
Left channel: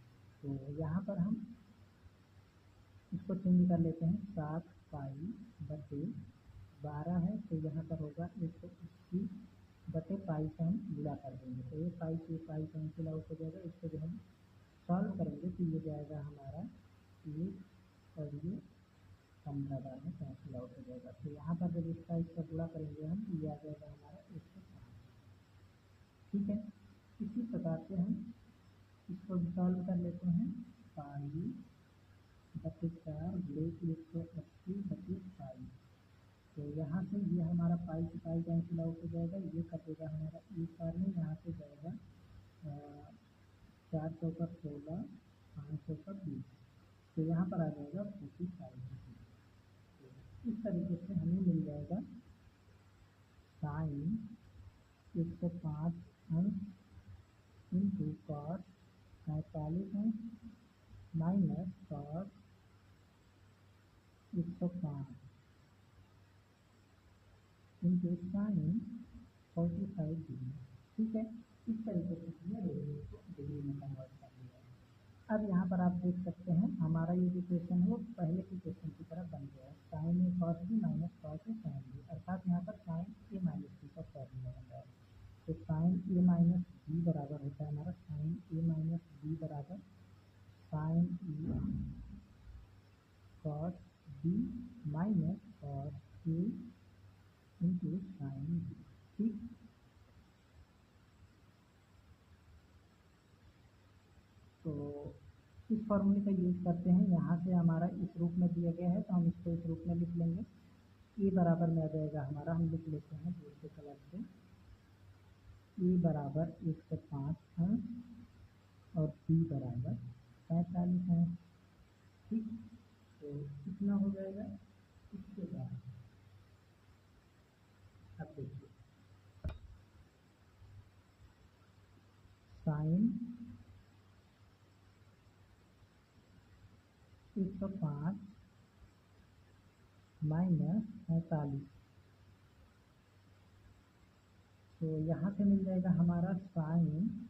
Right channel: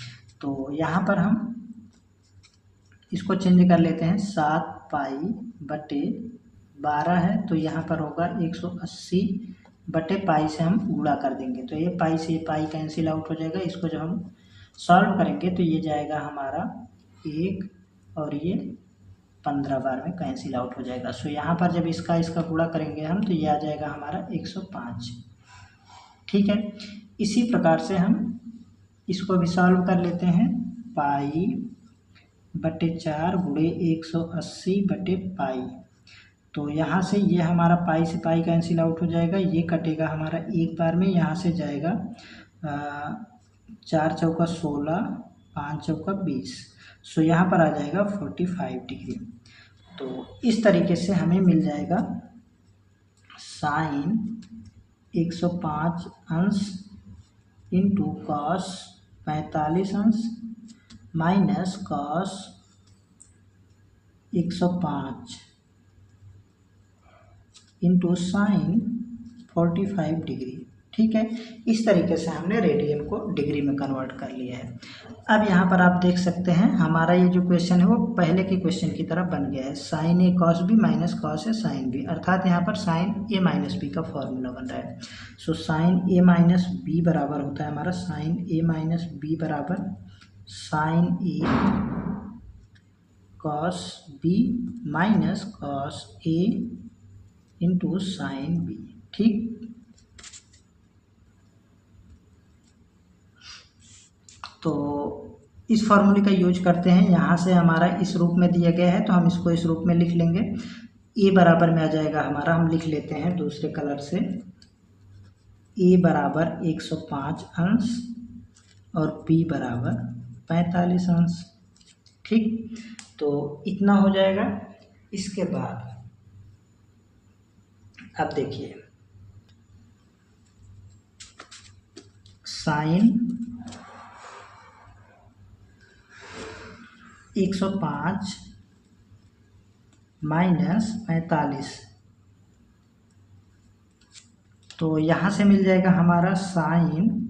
तो यहाँ पर हम इसको चेंज कर लेते हैं, 7π/12 है तो यहाँ पर होगा 180/π से हम गुणा कर देंगे। तो ये पाई से पाई कैंसिल आउट हो जाएगा। इसको जब हम सॉल्व करेंगे तो ये जाएगा हमारा 1 और ये 15 बार में कैंसिल आउट हो जाएगा। सो यहाँ पर जब इसका गुणा करेंगे हम तो ये आ जाएगा हमारा 105। ठीक है, इसी प्रकार से हम इसको भी सॉल्व कर लेते हैं, π/4 गुणे 180/π। तो यहाँ से ये हमारा पाई से पाई कैंसिल आउट हो जाएगा, ये कटेगा हमारा एक बार में, यहाँ से जाएगा 4 चौका 16 5 चौका 20। सो यहाँ पर आ जाएगा 45 डिग्री। तो इस तरीके से हमें मिल जाएगा साइन 105 अंश इंटू कॉस 45 अंश minus cos 105 into sine 45 degree. ठीक है, इस तरीके से हमने रेडियन को डिग्री में कन्वर्ट कर लिया है। अब यहाँ पर आप देख सकते हैं हमारा ये जो क्वेश्चन है वो पहले के क्वेश्चन की तरह बन गया है, sign A cos B minus cos A sine B, अर्थात यहाँ पर साइन ए माइनस बी का फॉर्मूला बन रहा है। सो साइन ए माइनस बी बराबर होता है हमारा, साइन ए माइनस बी बराबर sign A cos B minus cos A into sine B. ठीक, तो इस फॉर्मूले का यूज करते हैं। यहाँ से हमारा इस रूप में दिया गया है तो हम इसको इस रूप में लिख लेंगे। ए बराबर में आ जाएगा हमारा, हम लिख लेते हैं दूसरे कलर से, ए बराबर 105 अंश और बी बराबर 45 अंश। ठीक, तो इतना हो जाएगा। इसके बाद अब देखिए, साइन 105 माइनस 45, तो यहाँ से मिल जाएगा हमारा साइन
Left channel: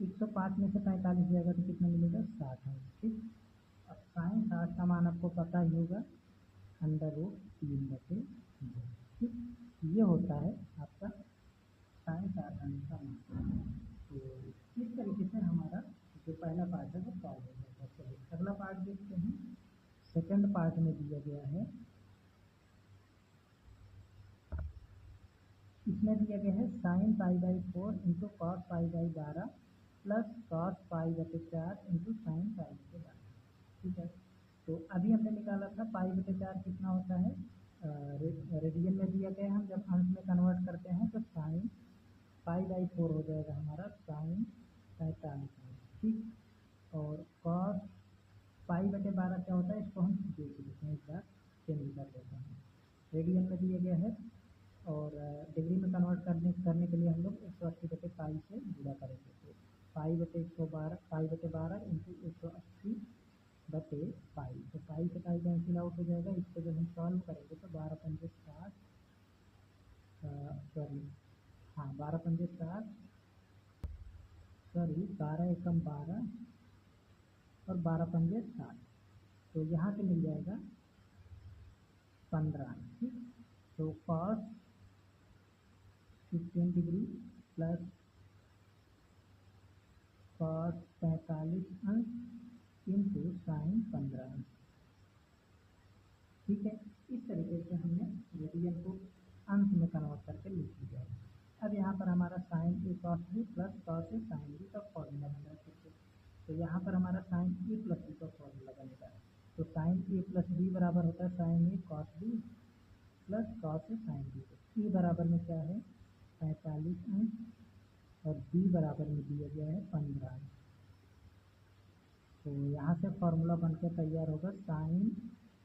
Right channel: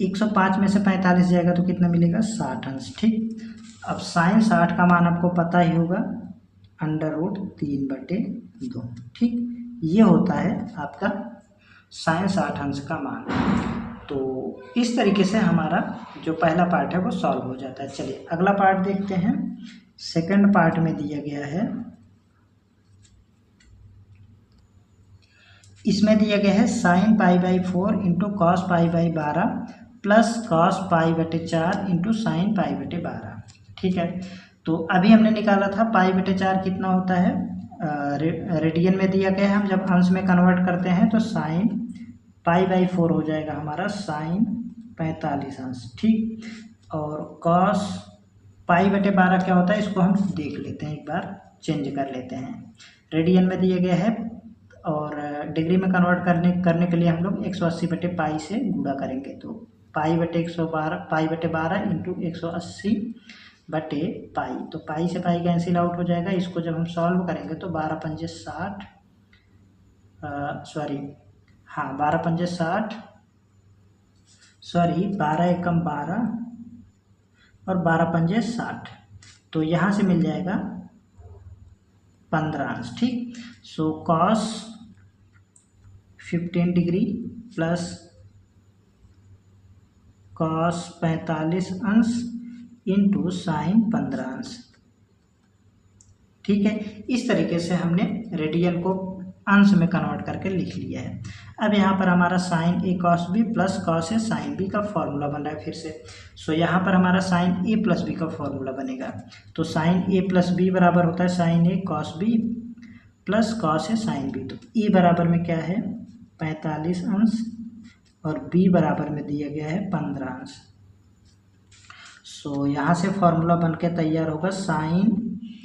105 में से 45 जाएगा तो कितना मिलेगा 60 अंश। ठीक, अब साइन 60 का मान आपको पता ही होगा, √3/2। ठीक, ये होता है आपका साइन 60 अंश का मान। तो इस तरीके से हमारा जो पहला पार्ट है वो सॉल्व हो जाता है। चलिए अगला पार्ट देखते हैं। सेकंड पार्ट में दिया गया है, इसमें दिया गया है sine π/4 into cos π/12 plus cos π/4 into sine π/12। ठीक है, तो अभी हमने निकाला था π/4 कितना होता है, रेडियन में दिया गया है। हम जब अंश में कन्वर्ट करते हैं तो साइन π/4 हो जाएगा हमारा साइन 45 अंश। ठीक, और कॉस π/12 क्या होता है इसको हम देख लेते हैं, एक बार चेंज कर लेते हैं। रेडियन में दिया गया है और डिग्री में कन्वर्ट करने के लिए हम लोग 180/π से गुणा करेंगे, तो π/12 इंटू 180/π, तो पाई से पाई कैंसिल आउट हो जाएगा। इसको जब हम सॉल्व करेंगे तो 12×5 = 60, 12×5 = 60, 12 × 12 और 12×5 = 60, तो यहाँ से मिल जाएगा 15 अंश। ठीक, so cos 15 degree plus cos 45 अंश इंटू साइन 15 अंश। ठीक है, इस तरीके से हमने रेडियन को अंश में कन्वर्ट करके लिख लिया है। अब यहाँ पर हमारा sine a cos b plus cos a sine b का फॉर्मूला बन रहा है फिर से। सो यहाँ पर हमारा साइन a प्लस b का फॉर्मूला बनेगा, तो साइन a प्लस b बराबर होता है sine a cos b plus cos a sine b। तो a बराबर में क्या है 45 अंश और b बराबर में दिया गया है 15 अंश। सो यहाँ से फॉर्मूला बन के तैयार होगा sine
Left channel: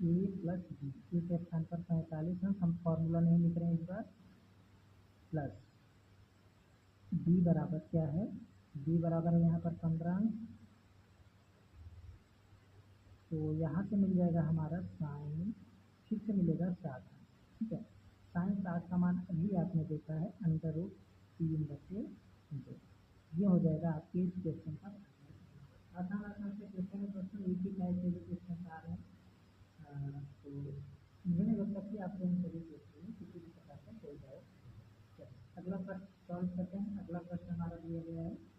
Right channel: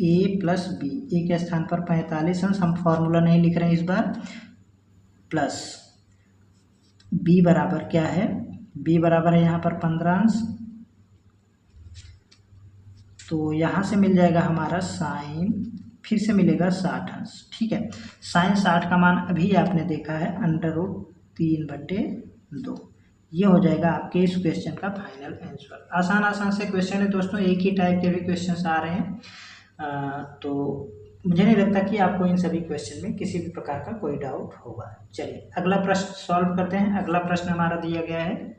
a plus b, a के स्थान पर 45 अंश, हम फॉर्मूला नहीं लिख रहे हैं इस बार, प्लस b बराबर क्या है, b बराबर है यहाँ पर 15 अंश, तो यहाँ से मिल जाएगा हमारा साइन, फिर से मिलेगा 60 अंश। ठीक है, साइन 60 का मान अभी आपने देखा है √3/2। ये हो जाएगा आपके इस क्वेश्चन का फाइनल आंसर। आसान से क्वेश्चन है दोस्तों, एक ही टाइप के भी क्वेश्चन आ रहे हैं, तो मुझे नहीं लगता कि आपको इन सभी क्वेश्चन में किसी भी प्रकार का कोई डाउट होगा। चलिए अगला प्रश्न सॉल्व करते हैं। अगला प्रश्न हमारा दिया गया है,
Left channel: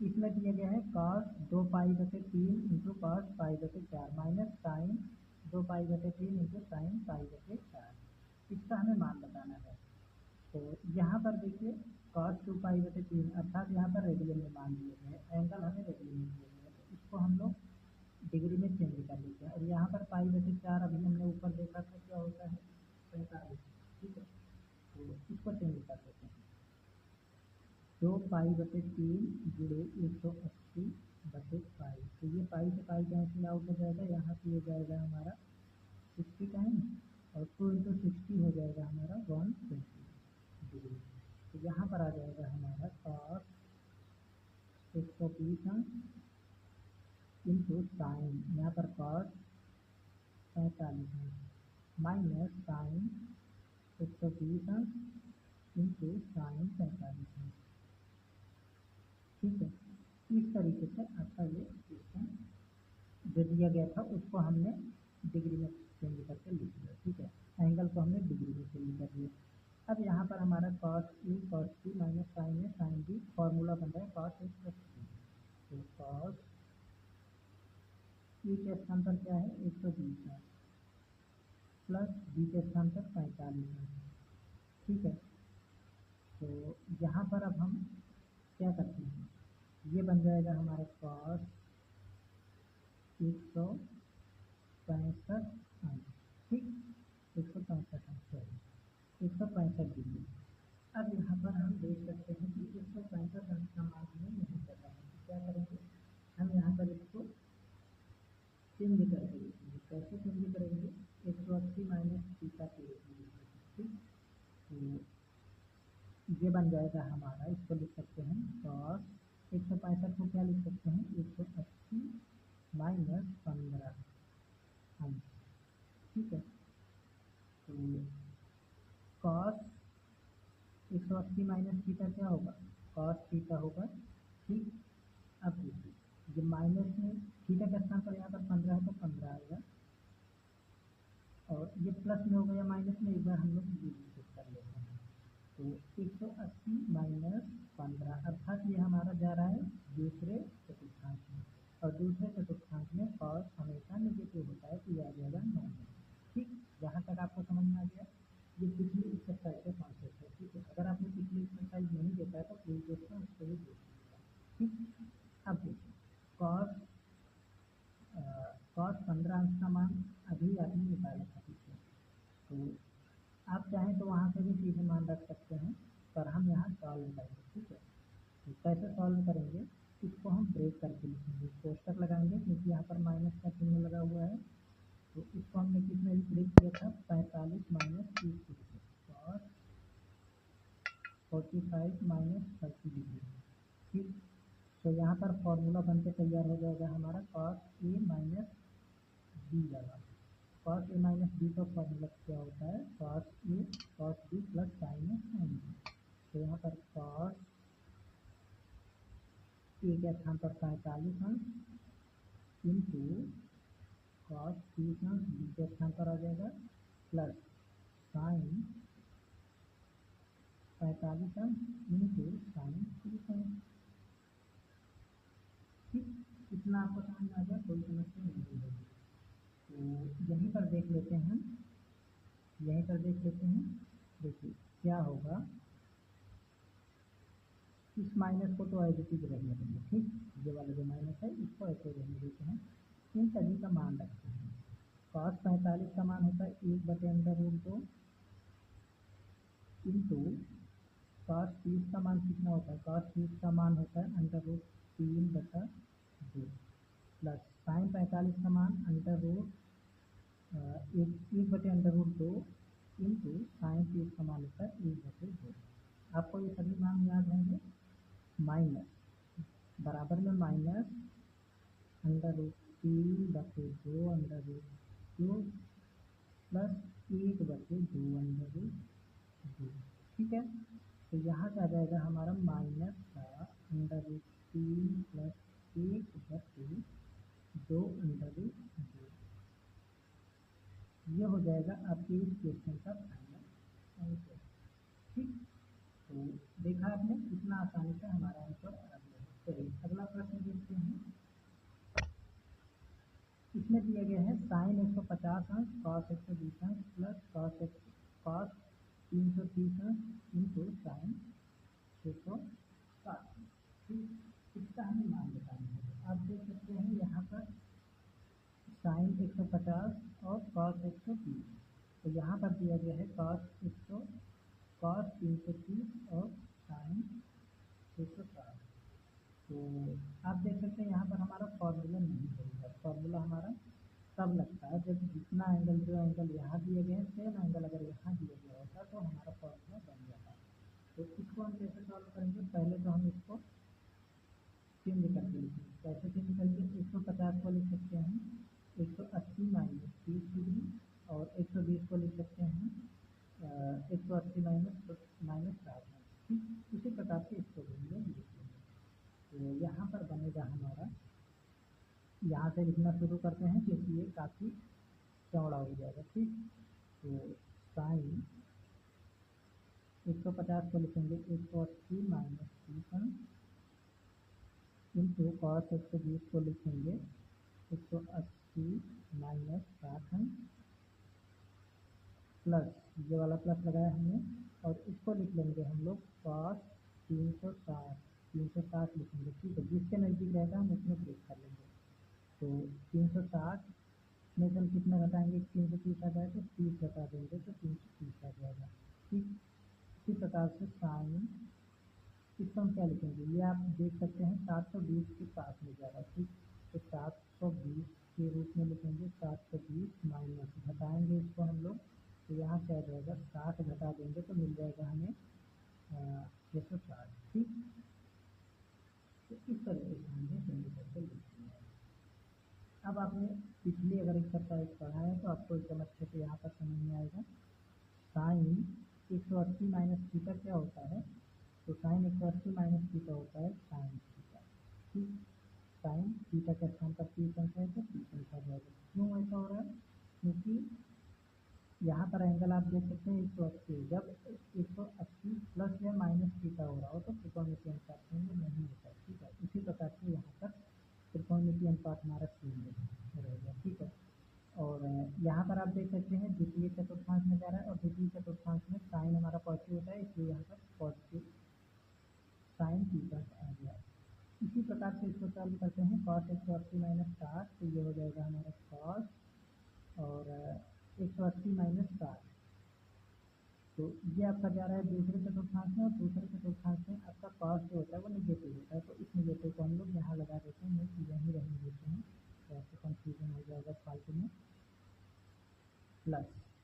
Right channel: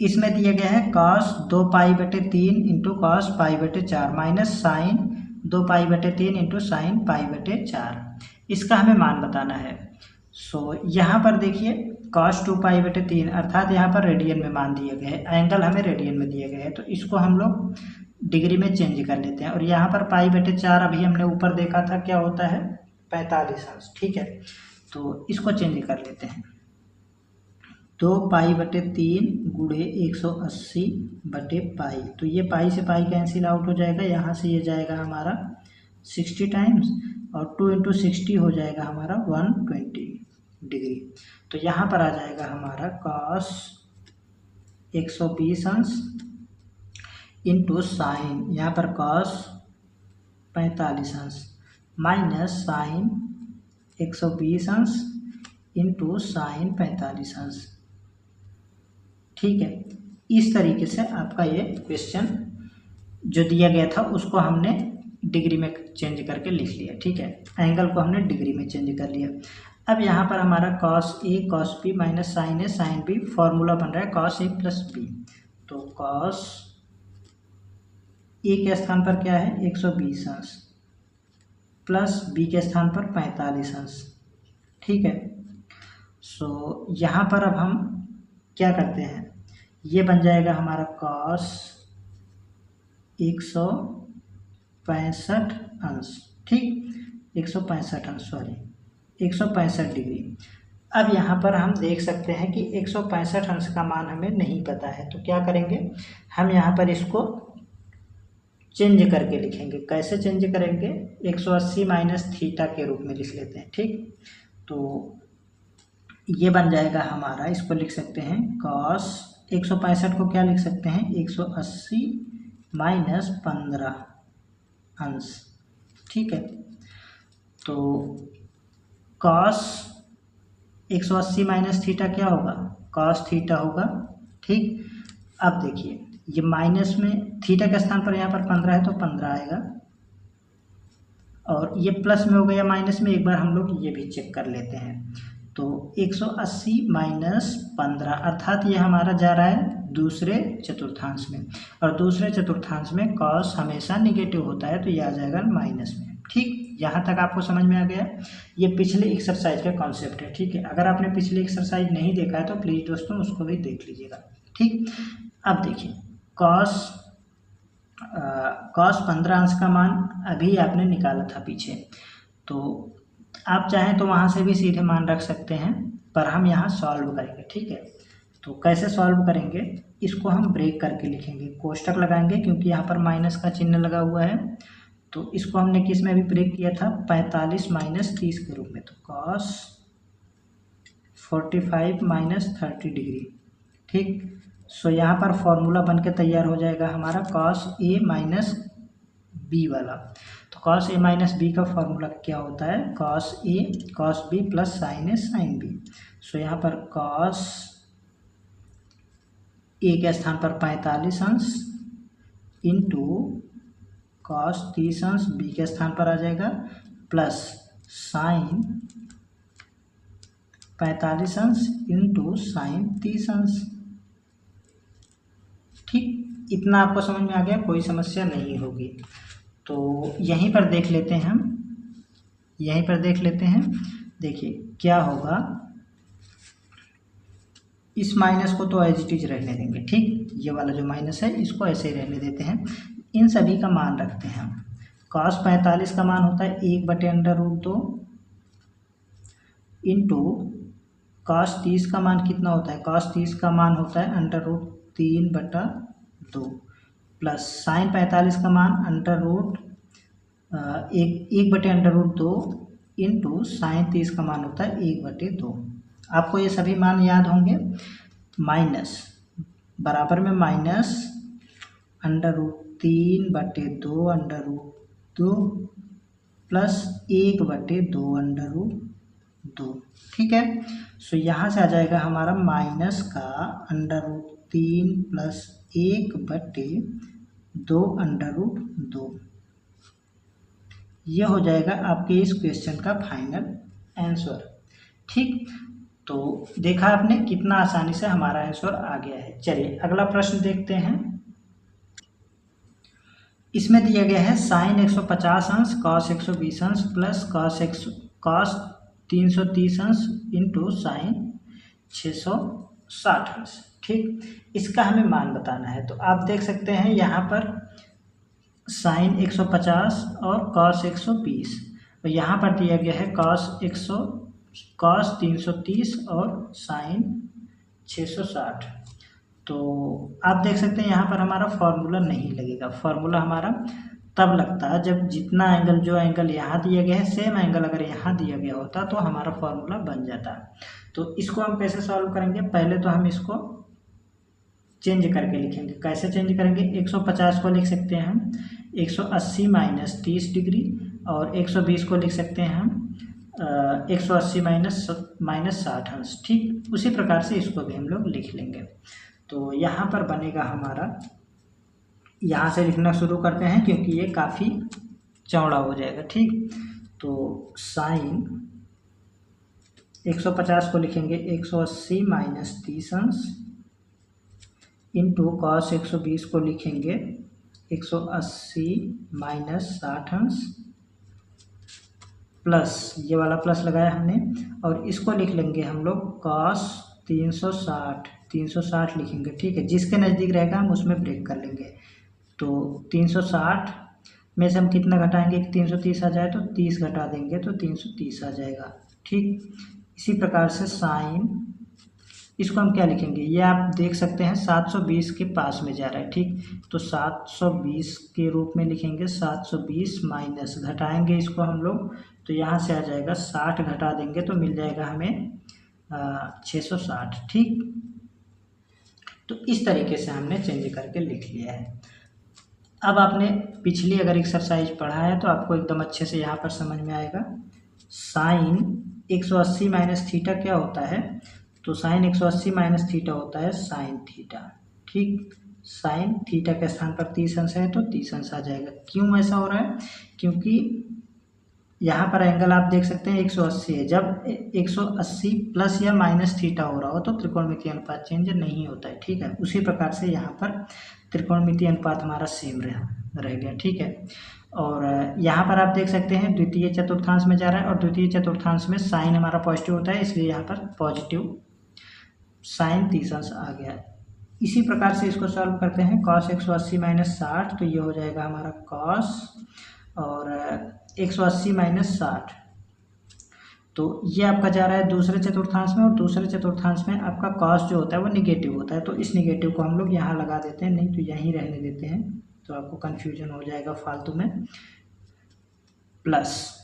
इसमें दिया गया है cos 2π/3 into cos π/4 minus sine 2π/3 into sine π/4, इसका हमें मान बताना है। सो यहाँ पर देखिए cos 2π/3 अर्थात यहाँ पर रेडियन में मान दिया गया है, एंगल हमें रेडियन में दिया गया है, तो इसको हम लोग डिग्री में चेंज कर लेते हैं। और यहाँ पर π/4 अभी हमने ऊपर देखा था क्या होता है 45 अंश। ठीक है, तो इसको चेंज कर लेते हैं, 2π/3 गुणे 180/π, तो ये पाई से पाई कैंसिल आउट हो जाएगा, यहाँ से ये जाएगा हमारा 60 टाइम्स और 2 × 60 हो जाएगा हमारा 120 डिग्री। तो यहाँ पर आ जाएगा हमारा cos 120 अंश इंटू साइन, यहाँ पर cos 45 अंश माइनस साइन 120 अंश इंटू साइन 45 अंश। ठीक है, इस तरीके से आपका ये क्वेश्चन जो दिया गया था उसको हमने डिग्री में चेंज करके लिख लिया। ठीक है, एंगल को हमने डिग्री में चेंज कर लिया। अब यहाँ पर हमारा cos a cos b minus sine a sine b, formula बन रहा है cos a प्लस b, तो cos a के स्थान पर क्या है 120 अंश प्लस b के स्थान पर 45 अंश। ठीक है, सो यहाँ पर अब हम क्या करते हैं, ये बन जाएगा हमारा cos 165 अंश, ठीक 165 अंश 165 डिग्री। अब यहाँ पर हम देख सकते हैं कि 165 अंश का मान हमें नहीं पता है, तो क्या करेंगे हम यहाँ पर इसको चेंज करके लिखेंगे। कैसे चेंज करेंगे, 180 माइनस थीटा के रूप में लिख लेते हैं। ठीक, तो ये बन जाएगा हमारा, इसको लिख सकते हैं cos 165 को क्या लिख सकते हैं 180 माइनस 15 अंश, ठीक है। तो कॉस 180 माइनस थीटा क्या होगा, कॉस थीटा होगा, ठीक। अब देखिए ये माइनस में थीटा के स्थान पर यहाँ पर 15 है तो 15 आएगा, और ये प्लस में हो गया माइनस में, एक बार हम लोग ये भी चेक कर लेते हैं। तो 180 माइनस 15 अर्थात ये हमारा जा रहा है दूसरे चतुर्थांश में, और दूसरे चतुर्थांश में कॉस हमेशा निगेटिव होता है, तो ये आ जाएगा माइनस में, ठीक। यहाँ तक आपको समझ में आ गया। ये पिछले एक्सरसाइज का कॉन्सेप्ट है, ठीक है। अगर आपने पिछले एक्सरसाइज नहीं देखा है तो प्लीज़ दोस्तों उसको भी देख लीजिएगा, ठीक। अब देखिए कॉस 15 अंश का मान अभी आपने निकाला था पीछे, तो आप चाहें तो वहाँ से भी सीधे मान रख सकते हैं, पर हम यहाँ सॉल्व करेंगे, ठीक है। तो कैसे सॉल्व करेंगे, इसको हम ब्रेक करके लिखेंगे, कोष्टक लगाएंगे, क्योंकि यहाँ पर माइनस का चिन्ह लगा हुआ है। तो इसको हमने किस में भी ब्रेक किया था, 45 माइनस 30 के रूप में। तो कॉस 45 माइनस 30 डिग्री, ठीक। सो यहाँ पर फॉर्मूला बन के तैयार हो जाएगा हमारा कॉस ए माइनस बी वाला। तो कॉस ए माइनस बी का फॉर्मूला क्या होता है, cos A cos B plus sign A sine B. सो यहाँ पर कॉस ए के स्थान पर 45 अंश इंटू कॉस 30 अंश बी के स्थान पर आ जाएगा, प्लस साइन 45 अंश इंटू साइन 30 अंश, ठीक। इतना आपको समझ में आ गया, कोई समस्या नहीं होगी। तो यहीं पर देख लेते हैं हम, यहीं पर देख लेते हैं। देखिए क्या होगा, इस माइनस को तो एज इट इज रहने देंगे, ठीक। ये वाला जो माइनस है इसको ऐसे ही रहने देते हैं, इन सभी का मान रखते हैं हम। कॉस 45 का मान होता है 1/√2 इंटू कॉस 30 का मान कितना होता है, कॉस 30 का मान होता है √3/2 प्लस साइन 45 का मान √1/√2 इंटू साइन 30 का मान होता है 1/2। आपको ये सभी मान याद होंगे। माइनस बराबर में माइनस √3/2 प्लस 1/2, ठीक है। सो यहाँ से आ जाएगा हमारा माइनस का √3 प्लस 1/2 ये हो जाएगा आपके इस क्वेश्चन का फाइनल आंसर, ठीक। तो देखा आपने कितना आसानी से हमारा आंसर आ गया है। चलिए अगला प्रश्न देखते हैं। इसमें दिया गया है साइन 150 अंश कॉस 120 अंश प्लस कॉस 330 अंश इंटू साइन 660 अंश, ठीक। इसका हमें मान बताना है। तो आप देख सकते हैं यहाँ पर साइन 150 और कॉस 120, और यहाँ पर दिया गया है कॉस 330 और साइन 660। तो आप देख सकते हैं यहाँ पर हमारा फॉर्मूला नहीं लगेगा। फॉर्मूला हमारा तब लगता है जब जितना एंगल, जो एंगल यहाँ दिया गया है सेम एंगल अगर यहाँ दिया गया होता तो हमारा फॉर्मूला बन जाता। तो इसको हम कैसे सॉल्व करेंगे, पहले तो हम इसको चेंज करके लिखेंगे। कैसे चेंज करेंगे, 150 को लिख सकते हैं हम 180 माइनस 30 डिग्री, और 120 को लिख सकते हैं हम 180 माइनस 60 अंश, ठीक। उसी प्रकार से इसको भी हम लोग लिख लेंगे। तो यहाँ पर बनेगा हमारा, यहाँ से लिखना शुरू करते हैं क्योंकि ये काफ़ी चौड़ा हो जाएगा, ठीक। तो साइन 150 को लिखेंगे 180 माइनस 30 अंश इंटू कॉस 120 को लिखेंगे 180 माइनस 60 अंश प्लस, ये वाला प्लस लगाया हमने, और इसको लिख लेंगे हम लोग कॉस 360 लिखेंगे, ठीक है। जिसके नज़दीक रहेगा हम उसमें ब्रेक कर लेंगे। तो 360 में से हम कितना घटाएंगे कि 330 आ जाए, तो 30 घटा देंगे तो 330 आ जाएगा, ठीक। इसी प्रकार से साइन, इसको हम क्या लिखेंगे, ये आप देख सकते हैं 720 के पास में जा रहा है, ठीक। तो 720 के रूप में लिखेंगे, 720 माइनस घटाएंगे इसको हम लोग, तो यहाँ से आ जाएगा 60 घटा देंगे तो मिल जाएगा हमें 660, ठीक। तो इस तरीके से हमने चेंज करके लिख लिया है। अब आपने पिछली अगर एक्सरसाइज पढ़ा है तो आपको एकदम अच्छे से यहाँ पर समझ में आएगा। साइन 180 माइनस थीटा क्या होता है, तो साइन 180 माइनस थीटा होता है साइन थीटा। ठीक, साइन थीटा के स्थान पर 30 अंश है तो 30 अंश आ जाएगा। क्यों ऐसा हो रहा है, क्योंकि यहाँ पर एंगल आप देख सकते हैं 180 है। जब 180 प्लस या माइनस थीटा हो रहा हो तो त्रिकोणमितीय अनुपात चेंज नहीं होता है। ठीक है, उसी प्रकार से यहाँ पर त्रिकोणमितीय अनुपात हमारा सेम रह गया। ठीक है, और यहाँ पर आप देख सकते हैं द्वितीय चतुर्थांश में जा रहा है और द्वितीय चतुर्थांश में साइन हमारा पॉजिटिव होता है, इसलिए यहाँ पर पॉजिटिव साइन 30 अंश आ गया। इसी प्रकार से इसको सॉल्व करते हैं। कॉस 180 माइनस 60 तो ये हो जाएगा हमारा कॉस, और 180 माइनस 60 तो ये आपका जा रहा है दूसरे चतुर्थांश में, और दूसरे चतुर्थांश में आपका कॉस जो होता है वो निगेटिव होता है, तो इस निगेटिव को हम लोग यहाँ लगा देते हैं, नहीं तो यहीं रहने देते हैं, तो आपको कन्फ्यूजन हो जाएगा फालतू में। प्लस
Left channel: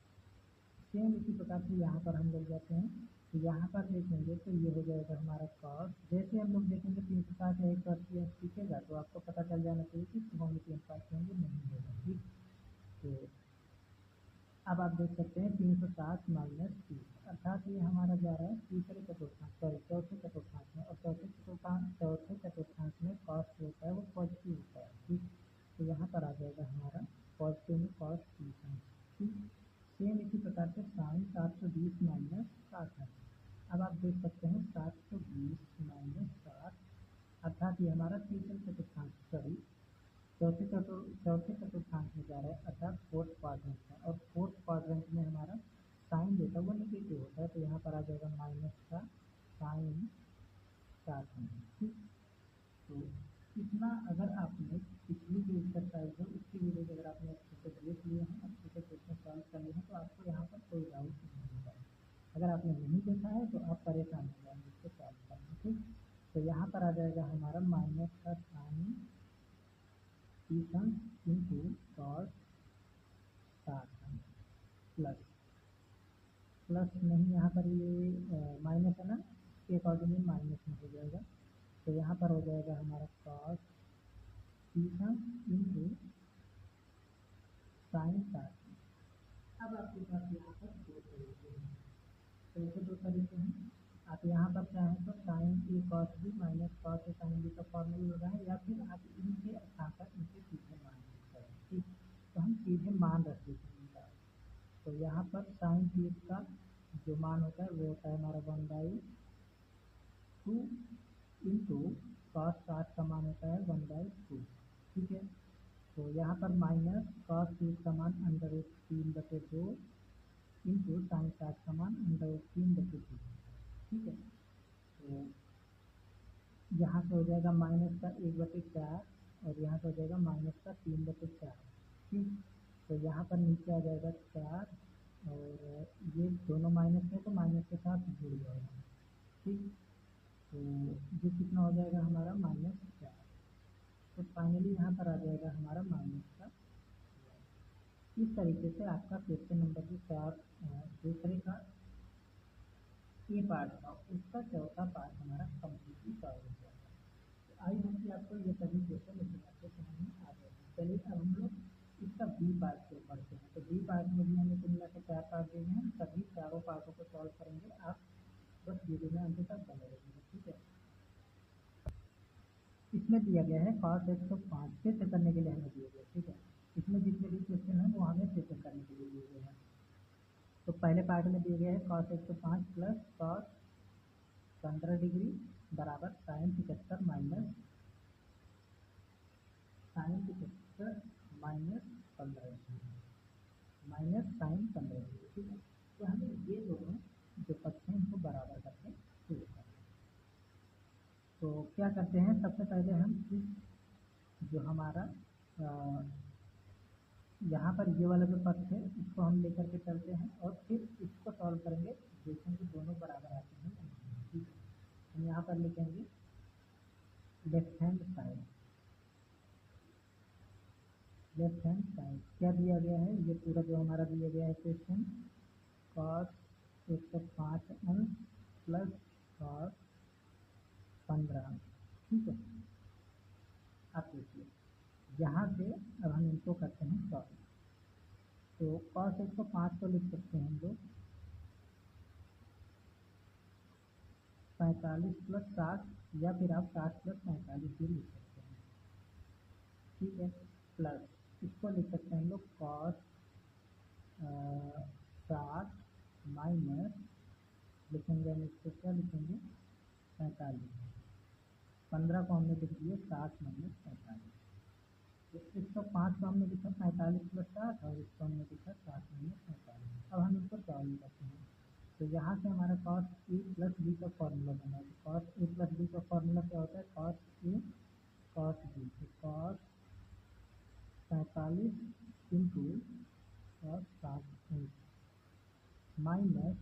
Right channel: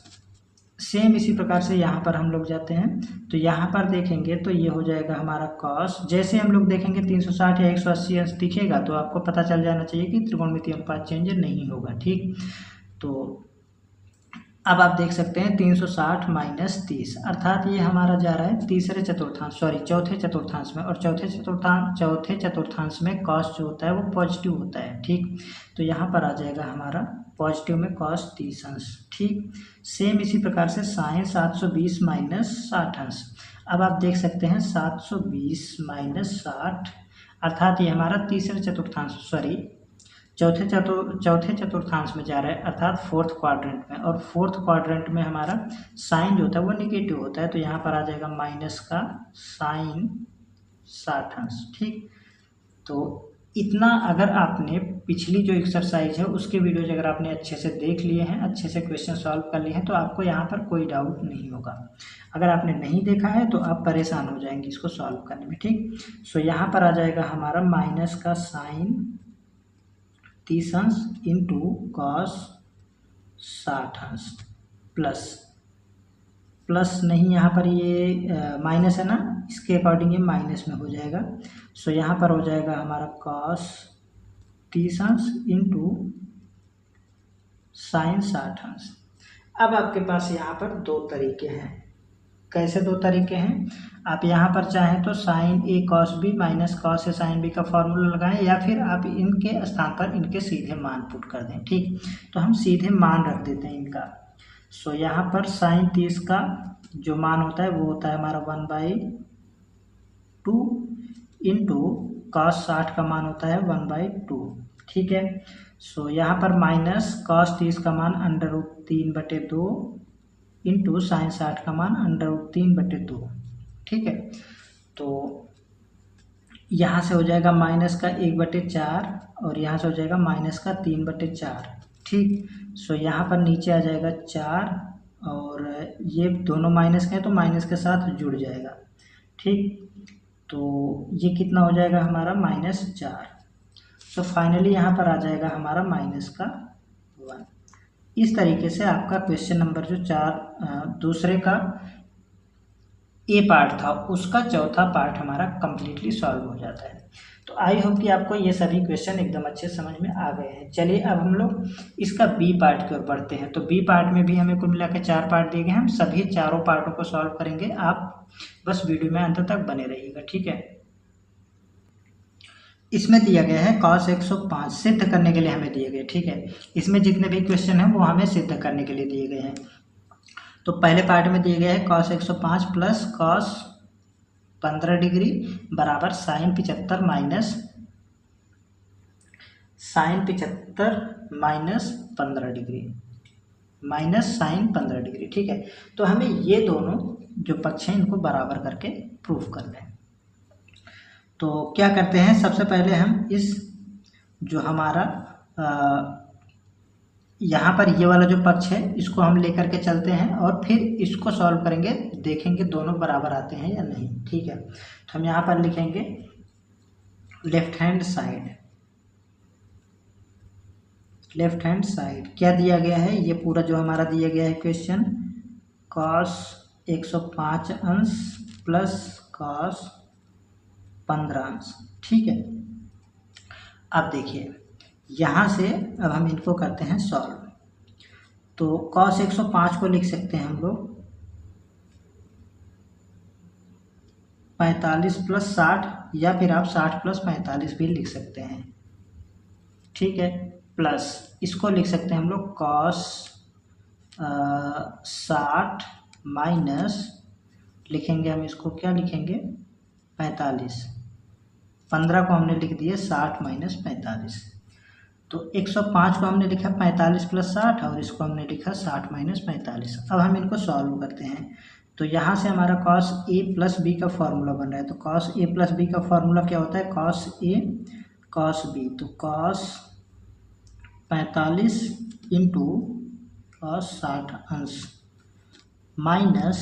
सेम इसी प्रकार से यहाँ पर हम लोग जाते हैं, तो यहाँ पर देखेंगे तो ये हो जाएगा हमारा कॉस। जैसे हम लोग देखेंगे 360 या 180 अंश दिखेगा तो आपको पता चल जाना चाहिए कि त्रिकोणमितीय अनुपात चेंज नहीं होगा। ठीक, तो अब आप देख सकते हैं 360 माइनस 30 अर्थात ये हमारा जा रहा है चौथे चतुर्थांश में, और चौथे चतुर्थांश में कॉस जो होता है वो पॉजिटिव होता है। ठीक, तो यहाँ पर आ जाएगा हमारा पॉजिटिव में कॉस 30 अंश। ठीक, सेम इसी प्रकार से साइन 720 माइनस 60 अंश। अब आप देख सकते हैं 720 माइनस 60 अर्थात ये हमारा चौथे चतुर्थांश में जा रहा है, अर्थात फोर्थ क्वाड्रेंट में, और फोर्थ क्वाड्रेंट में हमारा साइन जो होता है वो निगेटिव होता है, तो यहाँ पर आ जाएगा माइनस का साइन 60 अंश। ठीक, तो इतना अगर आपने पिछली जो एक्सरसाइज है उसके वीडियोज अगर आपने अच्छे से देख लिए हैं, अच्छे से क्वेश्चन सॉल्व कर लिए हैं, तो आपको यहाँ पर कोई डाउट नहीं होगा। अगर आपने नहीं देखा है तो आप परेशान हो जाएंगे इसको सॉल्व करने में। ठीक, सो यहाँ पर आ जाएगा हमारा माइनस का साइन 30 अंश इंटू कॉस 60 अंश प्लस नहीं, यहाँ पर ये माइनस है ना, इसके अकॉर्डिंग ये माइनस में हो जाएगा। सो यहाँ पर हो जाएगा हमारा कॉस 30 अंश इंटू साइन 60 अंश। अब आपके पास यहाँ पर दो तरीके हैं। कैसे दो तरीके हैं, आप यहाँ पर चाहें तो sign A cos B minus cos A sine B का फॉर्मूला लगाएं, या फिर आप इनके स्थान पर इनके सीधे मान पुट कर दें। ठीक, तो हम सीधे मान रख देते हैं इनका। सो यहाँ पर साइन 30 का जो मान होता है वो होता है हमारा 1/2 इंटू कॉस 60 का मान होता है 1/2। ठीक है, सो यहाँ पर माइनस कॉस 30 का मान √3/2 इंटू साइन 60 का मान √3/2। ठीक है, तो यहाँ से हो जाएगा माइनस का 1/4 और यहाँ से हो जाएगा माइनस का 3/4। ठीक, सो यहाँ पर नीचे आ जाएगा 4 और ये दोनों माइनस के हैं तो माइनस के साथ जुड़ जाएगा। ठीक, तो ये कितना हो जाएगा हमारा -4। सो फाइनली यहाँ पर आ जाएगा हमारा माइनस का 1। इस तरीके से आपका क्वेश्चन नंबर जो दूसरे का ए पार्ट था उसका चौथा पार्ट हमारा कंप्लीटली सॉल्व हो जाता है। तो आई होप कि आपको ये सभी क्वेश्चन एकदम अच्छे समझ में आ गए हैं। चलिए अब हम लोग इसका बी पार्ट की ओर बढ़ते हैं। तो बी पार्ट में भी हमें कुल मिला के 4 पार्ट दिए गए हैं, हम सभी चारों पार्टों को सॉल्व करेंगे। आप बस वीडियो में अंत तक बने रहिएगा। ठीक है, इसमें दिया गया है cos 105 सिद्ध करने के लिए हमें दिए गए। ठीक है, इसमें जितने भी क्वेश्चन हैं वो हमें सिद्ध करने के लिए दिए गए हैं। तो पहले पार्ट में दिए गए हैं cos 105 प्लस cos 15 डिग्री बराबर sine 75 minus 15 degree minus sine 15 degree. ठीक है, तो हमें ये दोनों जो पक्ष हैं इनको बराबर करके प्रूफ करना है। तो क्या करते हैं, सबसे पहले हम इस जो हमारा यहाँ पर ये वाला जो पक्ष है इसको हम लेकर के चलते हैं और फिर इसको सॉल्व करेंगे, देखेंगे दोनों बराबर आते हैं या नहीं। ठीक है, तो हम यहाँ पर लिखेंगे लेफ्ट हैंड साइड क्या दिया गया है, ये पूरा जो हमारा दिया गया है क्वेश्चन cos 105 अंश प्लस cos 15 अंश। ठीक है, अब देखिए यहाँ से अब हम इनको करते हैं सॉल्व। तो cos 105 को लिख सकते हैं हम लोग 45 + 60, या फिर आप 60 + 45 भी लिख सकते हैं, ठीक है। प्लस इसको लिख सकते हैं हम लोग cos 60 माइनस, लिखेंगे हम इसको, क्या लिखेंगे, 45। 15 को हमने लिख दिए 60 माइनस 45। तो 105 को हमने लिखा 45 + 60, और इसको हमने लिखा 60 माइनस 45। अब हम इनको सॉल्व करते हैं। तो यहाँ से हमारा cos a + b का फॉर्मूला बन रहा है। तो cos a + b का फॉर्मूला क्या होता है, cos a cos b। तो cos 45 इंटू cos 60 अंश माइनस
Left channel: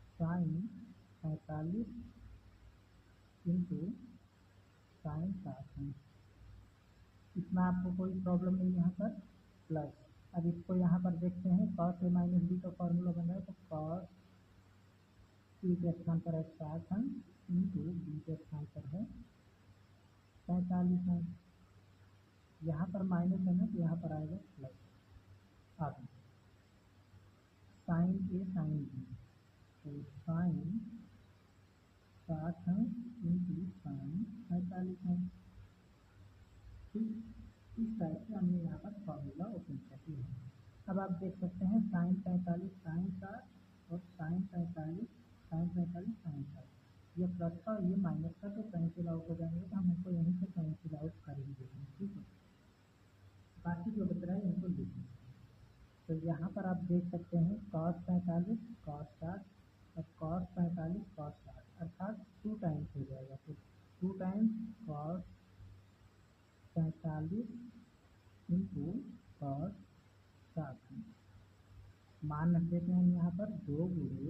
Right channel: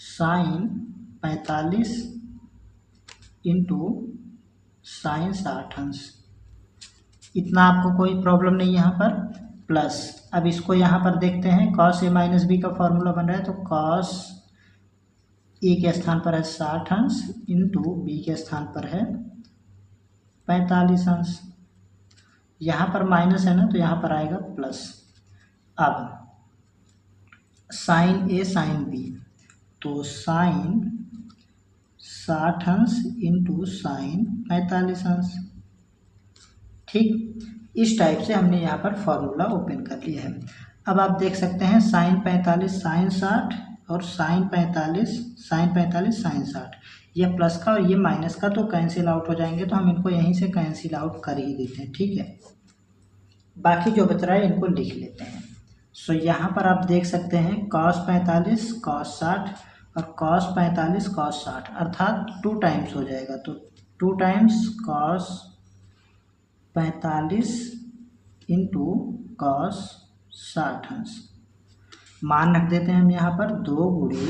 साइन 45 इंटू साइन 60 अंश। इतना आपको कोई प्रॉब्लम नहीं यहाँ पर। प्लस अब इसको यहाँ पर देखते हैं, cos a - b का फॉर्मूला बन रहा है। तो cos a के स्थान पर है 60 अंश इंटू b के स्थान पर है 45 अंश। यहाँ पर माइनस है ना, तो यहाँ पर आएगा प्लस। अब साइन a साइन b, तो साइन 60 अंश इंटू साइन 45 अंश, ठीक। इस टाइप से हमने यहाँ पर फॉर्मूला ओपन कर लिया है। अब आप देख सकते हैं साइन 45 साइन 60 और साइन 45 साइन 60, ये प्लस का और ये माइनस का तो कैंसिल आउट हो जाएंगे, तो हम इनको यहीं से कैंसिल आउट कर ही देते हैं, ठीक है। बाकी जो बच रहा है इनको लिख लेते हैं। सो यहाँ पर आप देख सकते हैं cos 45 cos 60 और cos 45 cos 60, अर्थात 2 टाइम्स हो जाएगा। तो 2 टाइम्स cos 45 इंटू cos 60 अंश, मान रख देते हैं हम यहाँ पर 2 गुणे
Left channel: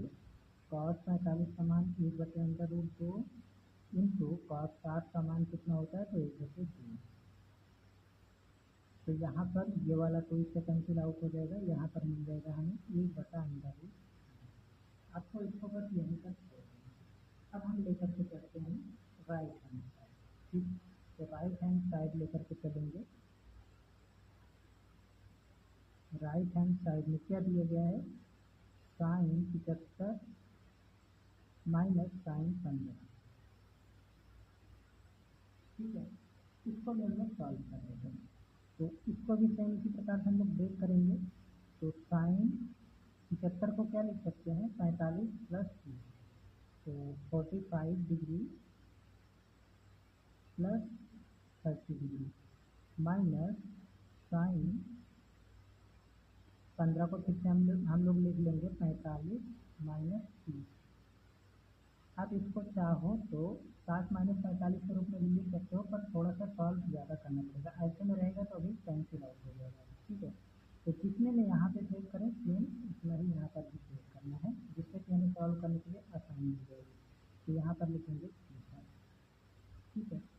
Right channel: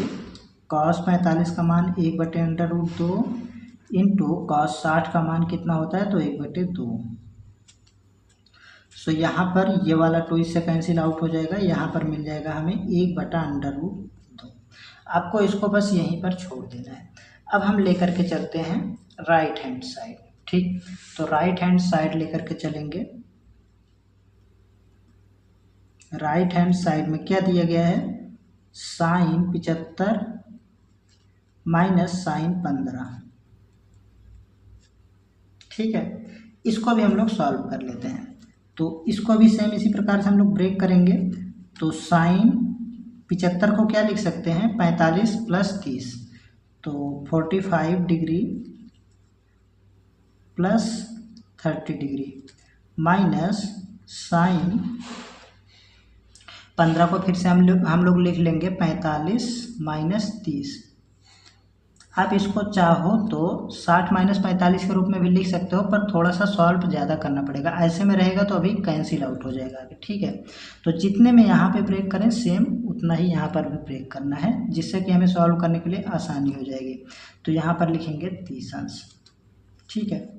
cos 45 का मान 1/√2 इंटू cos 60 का मान कितना होता है, तो 1/2। सो यहाँ पर ये वाला 2 इससे कैंसिल आउट हो जाएगा, यहाँ पर मिल जाएगा हमें 1/√2। आपको इसको बस यहीं पर छोड़ देना है। अब हम लेकर के चलते हैं राइट हैंड साइड, ठीक। तो राइट हैंड साइड लेकर के चलेंगे। राइट हैंड साइड में क्या दिया गया है, साइन 75 माइनस साइन 15, ठीक है। इसको भी हम लोग सॉल्व कर लेते हैं। तो इसको भी सेम इसी प्रकार से हम लोग ब्रेक करेंगे। तो साइन 75 को क्या लिख सकते हैं, 45 + 30, तो 45 degree plus 30 degree minus sine 15 को फिर से हम लोग लिख लेंगे 45 माइनस 30। आप इसको चाहो तो 60 माइनस 45 के रूप में भी लिख सकते हो, पर थोड़ा सा सॉल्व ज़्यादा करना पड़ेगा। ऐसे में रहेगा तो अभी कैंसिल आउट हो जाएगा अभी, ठीक है। तो जितने में यहाँ पे ब्रेक करें सेम उतना ही यहाँ पर भी ब्रेक करना है, जिससे कि हमें सॉल्व करने के लिए आसानी हो जाएगी। तो यहाँ पर लिखेंगे 30 अंश, ठीक है।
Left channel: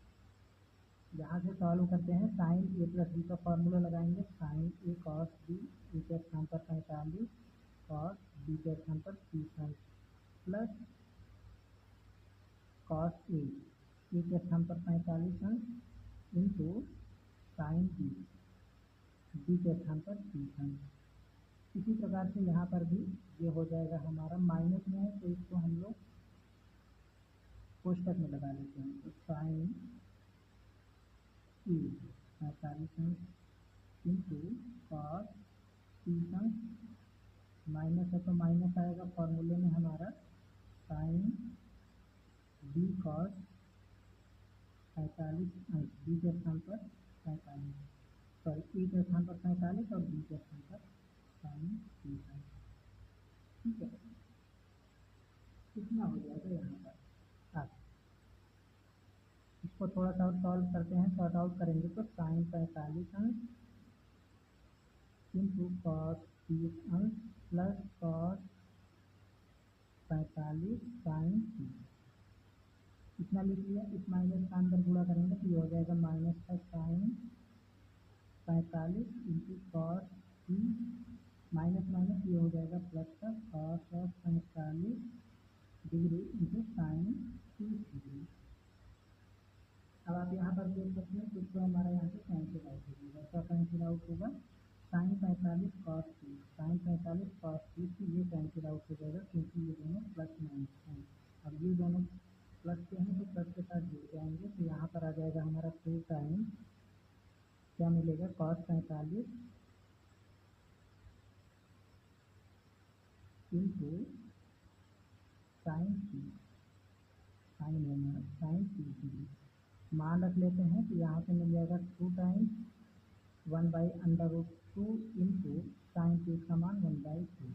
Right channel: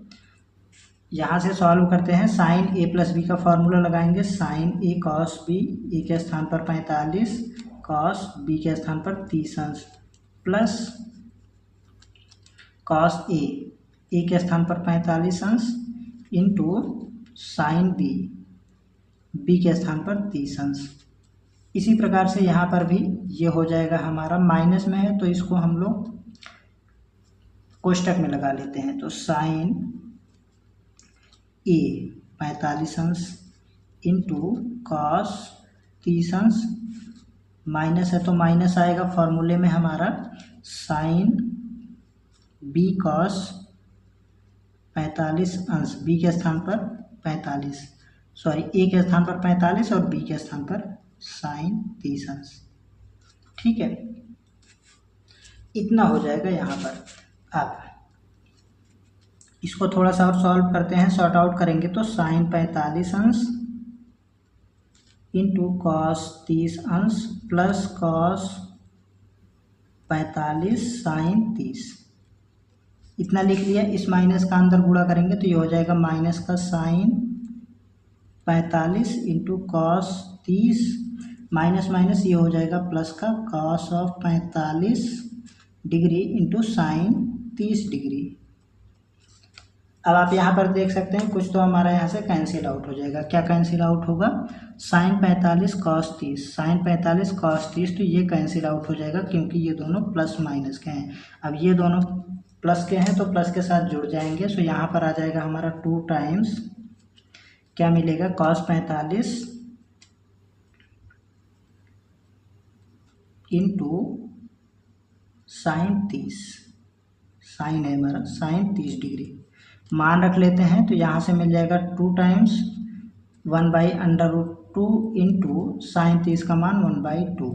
यहाँ से सॉल्व करते हैं, साइन a + b का फॉर्मूला लगाएंगे। Sine a cos b, a के स्थान पर 45, cos b के स्थान पर 30 अंश, प्लस cos a के स्थान पर 45 अंश इंटू साइन b के स्थान पर 30 अंश। इसी प्रकार से यहाँ पर भी ये हो जाएगा, हमारा माइनस में है तो इसको हम लोग कोष्टक में लगा लेते हैं। तो साइन a 45 अंश इंटू cos 30 अंश, माइनस है तो माइनस आएगा फॉर्मूले में हमारा, साइन b cos 45 अंश, b के स्थान पर 45, सॉरी a के स्थान पर 45 और b के स्थान पर साइन 30 अंश, ठीक है। इतना हो जाएगा यहाँ पर। अब इसको थोड़ा सा और सॉल्व करते हैं, सॉर्ट आउट करेंगे। तो साइन 45 अंश इंटू cos 30 अंश प्लस cos 45 साइन 30, इतना लिख लिया। इस माइनस का अंदर गुणा करेंगे तो ये हो जाएगा माइनस का sine 45 into cos 30, minus minus ये हो जाएगा प्लस का cos of 45 degree into sine 30 degree. अब आप यहाँ पर देख सकते हैं कुछ तो हमारा यहाँ से कैंसिल आउट हो जाएगा। क्या कैंसिल आउट होगा? साइन 45 कॉस 30, साइन 45 कॉस 30, तो ये कैंसिल आउट हो जाएगा क्योंकि ये दोनों प्लस माइनस के हैं। अब ये दोनों प्लस के हैं तो प्लस के साथ जुड़ जाएंगे। सो यहाँ पर आ जाएगा हमारा 2 टाइम्स क्या मिलेगा? कॉस 45 इंटू साइन 30, साइन है हमारा साइन 30 डिग्री मान रख लेते हैं। तो यहाँ से मिल जाएगा 2 टाइम्स 1/√2 इंटू साइन 30 का मान 1/2,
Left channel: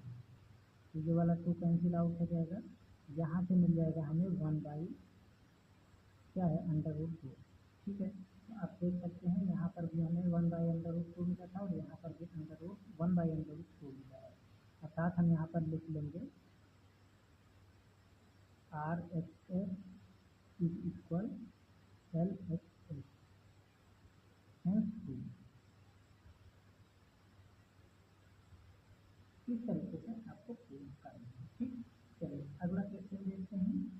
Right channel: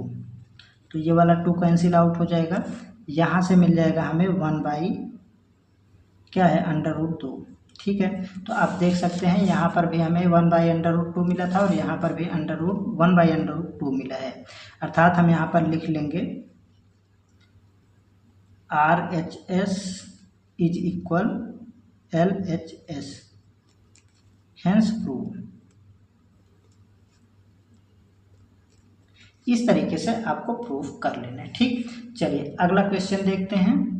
तो ये वाला 2 कैंसिल आउट हो जाएगा। यहाँ से मिल जाएगा हमें 1/√2। ठीक है, तो आप देख सकते हैं यहाँ पर भी हमें 1/√2 मिला था और यहाँ पर भी 1/√2 मिला है। अर्थात हम यहाँ पर लिख लेंगे RHS is equal LHS, hence prove. इस तरीके से आपको प्रूफ कर लेना है। ठीक, चलिए अगला क्वेश्चन देखते हैं।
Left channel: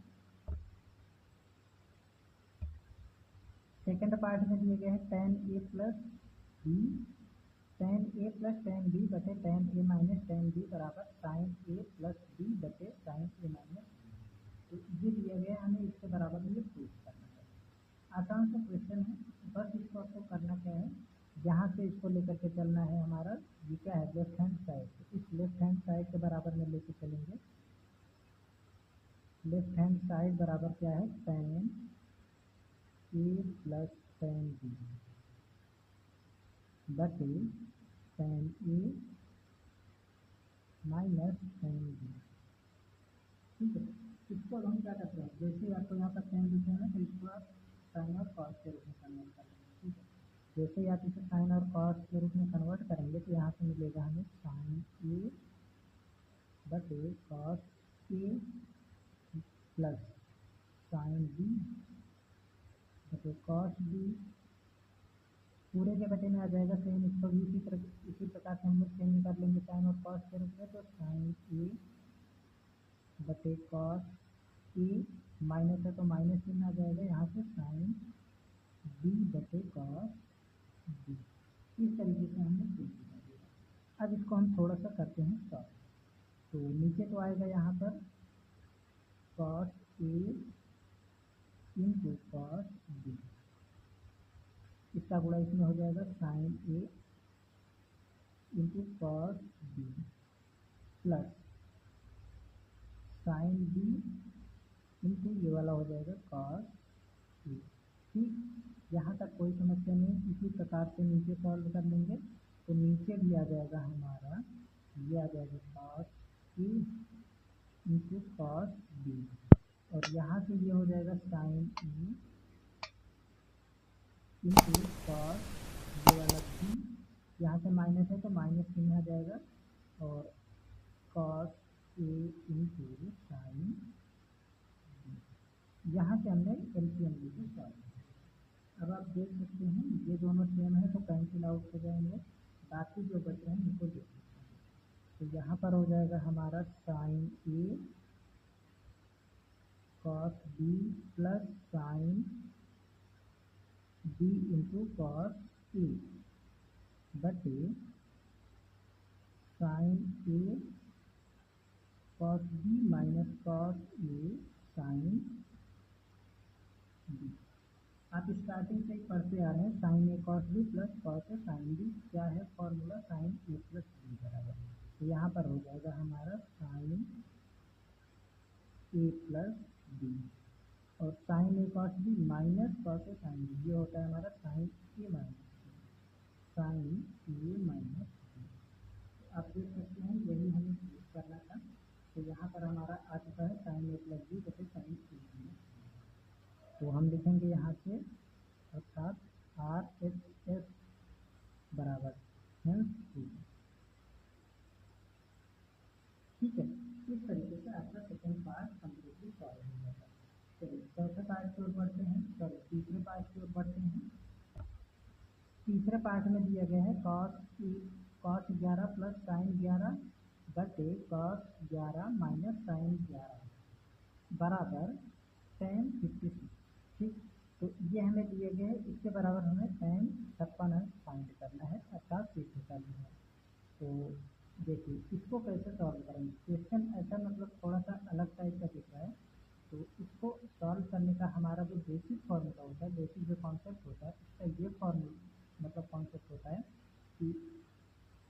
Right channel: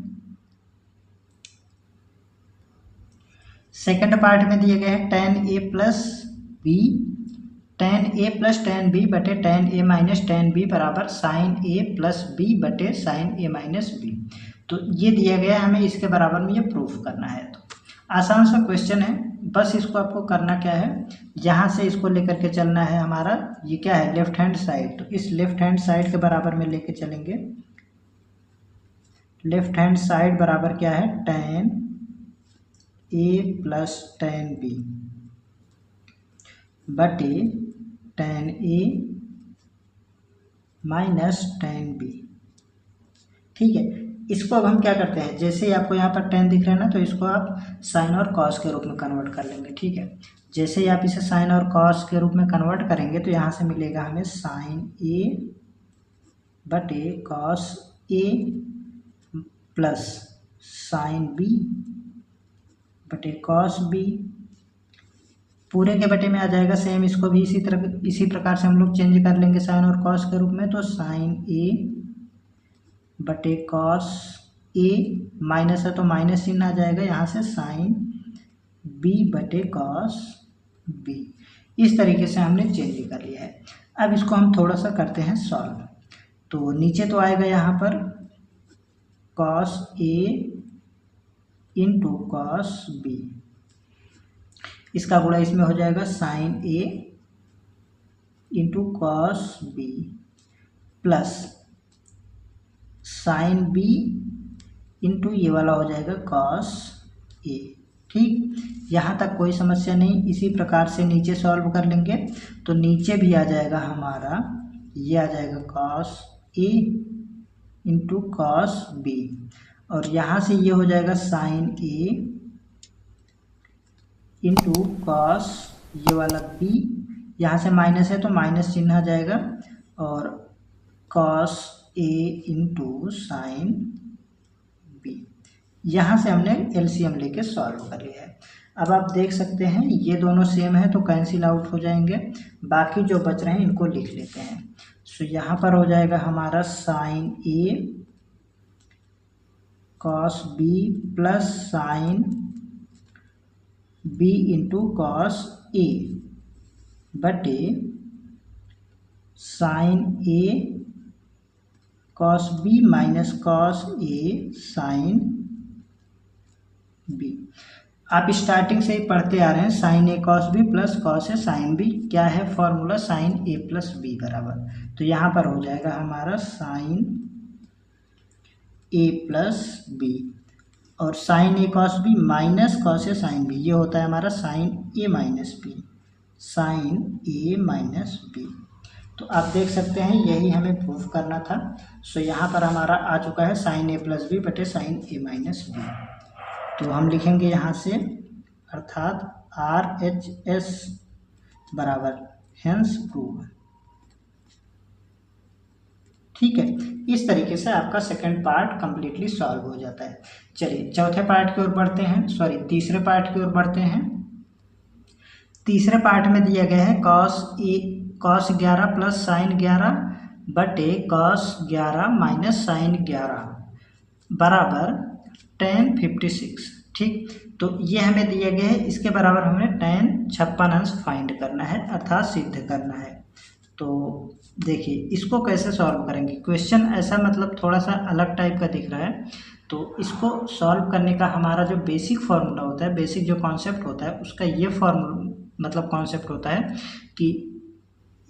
सेकंड पार्ट में दिए गए हैं tan A plus B, tan A plus tan B बटे tan A minus tan B बराबर साइन A प्लस B बटे साइन A माइनस B। तो ये दिया गया है, हमें इसके बराबर में ये प्रूफ करना है। तो आसान सा क्वेश्चन है, बस इसको आपको करना क्या है, यहाँ से इसको लेकर के चलना है। हमारा ये क्या है? लेफ्ट हैंड साइड, तो इस लेफ्ट हैंड साइड के बराबर में लेके चलेंगे। लेफ्ट हैंड साइड बराबर क्या है? tan A plus tan B बटे tan A minus tan B। ठीक है, इसको अब हम क्या करते हैं, जैसे ही आपको यहाँ पर tan दिख रहा है ना, तो इसको आप साइन और कॉस के रूप में कन्वर्ट कर लेंगे। ठीक है, जैसे ही आप इसे साइन और कॉस के रूप में कन्वर्ट करेंगे तो यहाँ से मिलेगा हमें साइन A बटे cos A plus sine B बटे कॉस B, पूरे के बटे में आ जाएगा सेम। इसको भी इसी प्रकार से हम लोग चेंज कर लेंगे साइन और कॉस के रूप में। तो साइन A बटे कॉस A, माइनस है तो माइनस चिन्ह आ जाएगा, यहाँ से साइन B बटे कॉस B। इस तरीके से हमने चेंज कर लिया है। अब इसको हम थोड़ा सा करते हैं सॉल्व। तो नीचे तो आएगा यहाँ पर cos A into cos B, इसका गुणा इसमें हो जाएगा sine A into cos B plus sine B into ये वाला हो जाएगा कॉस A। ठीक, यहाँ तक कोई समस्या नहीं। इसी प्रकार से नीचे सॉल्व कर लेंगे तो नीचे भी आ जाएगा हमारा, ये आ जाएगा cos A into cos B, और यहाँ से ये हो जाएगा साइन A इंटू कॉस ये वाला B, यहाँ से माइनस है तो माइनस चिन्ह आ जाएगा, और cos A into sine B। यहाँ से हमने एलसीएम लेके सॉल्व कर लिया है। अब आप देख सकते हैं ये दोनों सेम है तो कैंसिल आउट हो जाएंगे, बाकी जो बच रहे हैं इनको लिख लेते हैं। सो यहाँ पर हो जाएगा हमारा sine A cos B plus sine B into cos A बटे sine A cos B minus cos A sine B। आप स्टार्टिंग से ही पढ़ते आ रहे हैं, sine A cos B plus cos A sine B। क्या है formula? Sine A plus B बराबर, तो यहाँ पर हो जाएगा हमारा साइन A प्लस B, और sine A cos B minus cos A sine B, ये होता है हमारा sine A minus B, sine A minus B। तो आप देख सकते हैं यही हमें प्रूफ करना था। सो यहाँ पर हमारा आ चुका है साइन A प्लस B बटे साइन A माइनस B। तो हम लिखेंगे यहाँ से, अर्थात RHS बराबर हेंस प्रूव। ठीक है, इस तरीके से आपका सेकंड पार्ट कंप्लीटली सॉल्व हो जाता है। चलिए चौथे पार्ट की ओर बढ़ते हैं, तीसरे पार्ट की ओर बढ़ते हैं। तीसरे पार्ट में दिया गया है कॉस 11 प्लस साइन 11 बटे कॉस 11 माइनस साइन 11 बराबर tan 56। ठीक, तो ये हमें दिया गया है, इसके बराबर हमें tan 56 अंश फाइंड करना है अर्थात सिद्ध करना है। तो देखिए इसको कैसे सॉल्व करेंगे, क्वेश्चन ऐसा मतलब थोड़ा सा अलग टाइप का दिख रहा है। तो इसको सॉल्व करने का हमारा जो बेसिक फार्मूला होता है, बेसिक जो कॉन्सेप्ट होता है उसका ये फार्मूला मतलब कॉन्सेप्ट होता है कि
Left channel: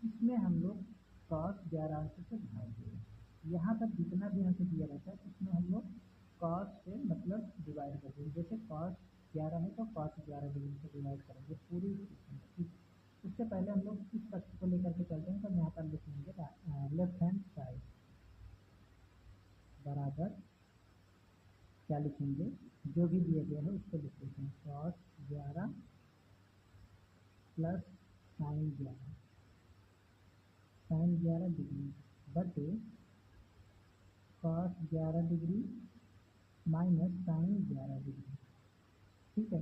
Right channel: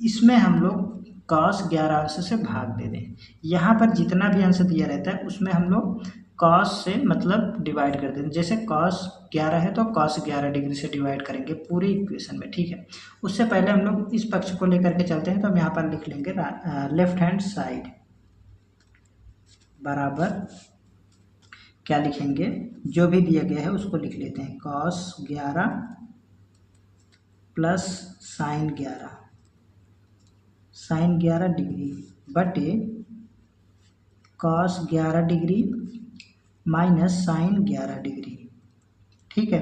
इसमें हम लोग cos 11 अंश से भाग दे दें। यहाँ पर जितना भी अंश दिया रहता है उसमें हम लोग cos से मतलब डिवाइड कर दें। जैसे cos 11 है तो cos 11 डिग्री से डिवाइड करेंगे पूरी इक्वेशन में, ठीक है। उससे पहले हम लोग इस पक्ष को लेकर के चलते हैं, तो हम यहाँ पर लिख लेंगे लेफ्ट हैंड साइड बराबर क्या लिखेंगे, जो भी दिया गया है उसको लिख लेते हैं, cos 11 प्लस साइन 11 डिग्री बटे cos 11 degree minus sine 11 degree, ठीक है।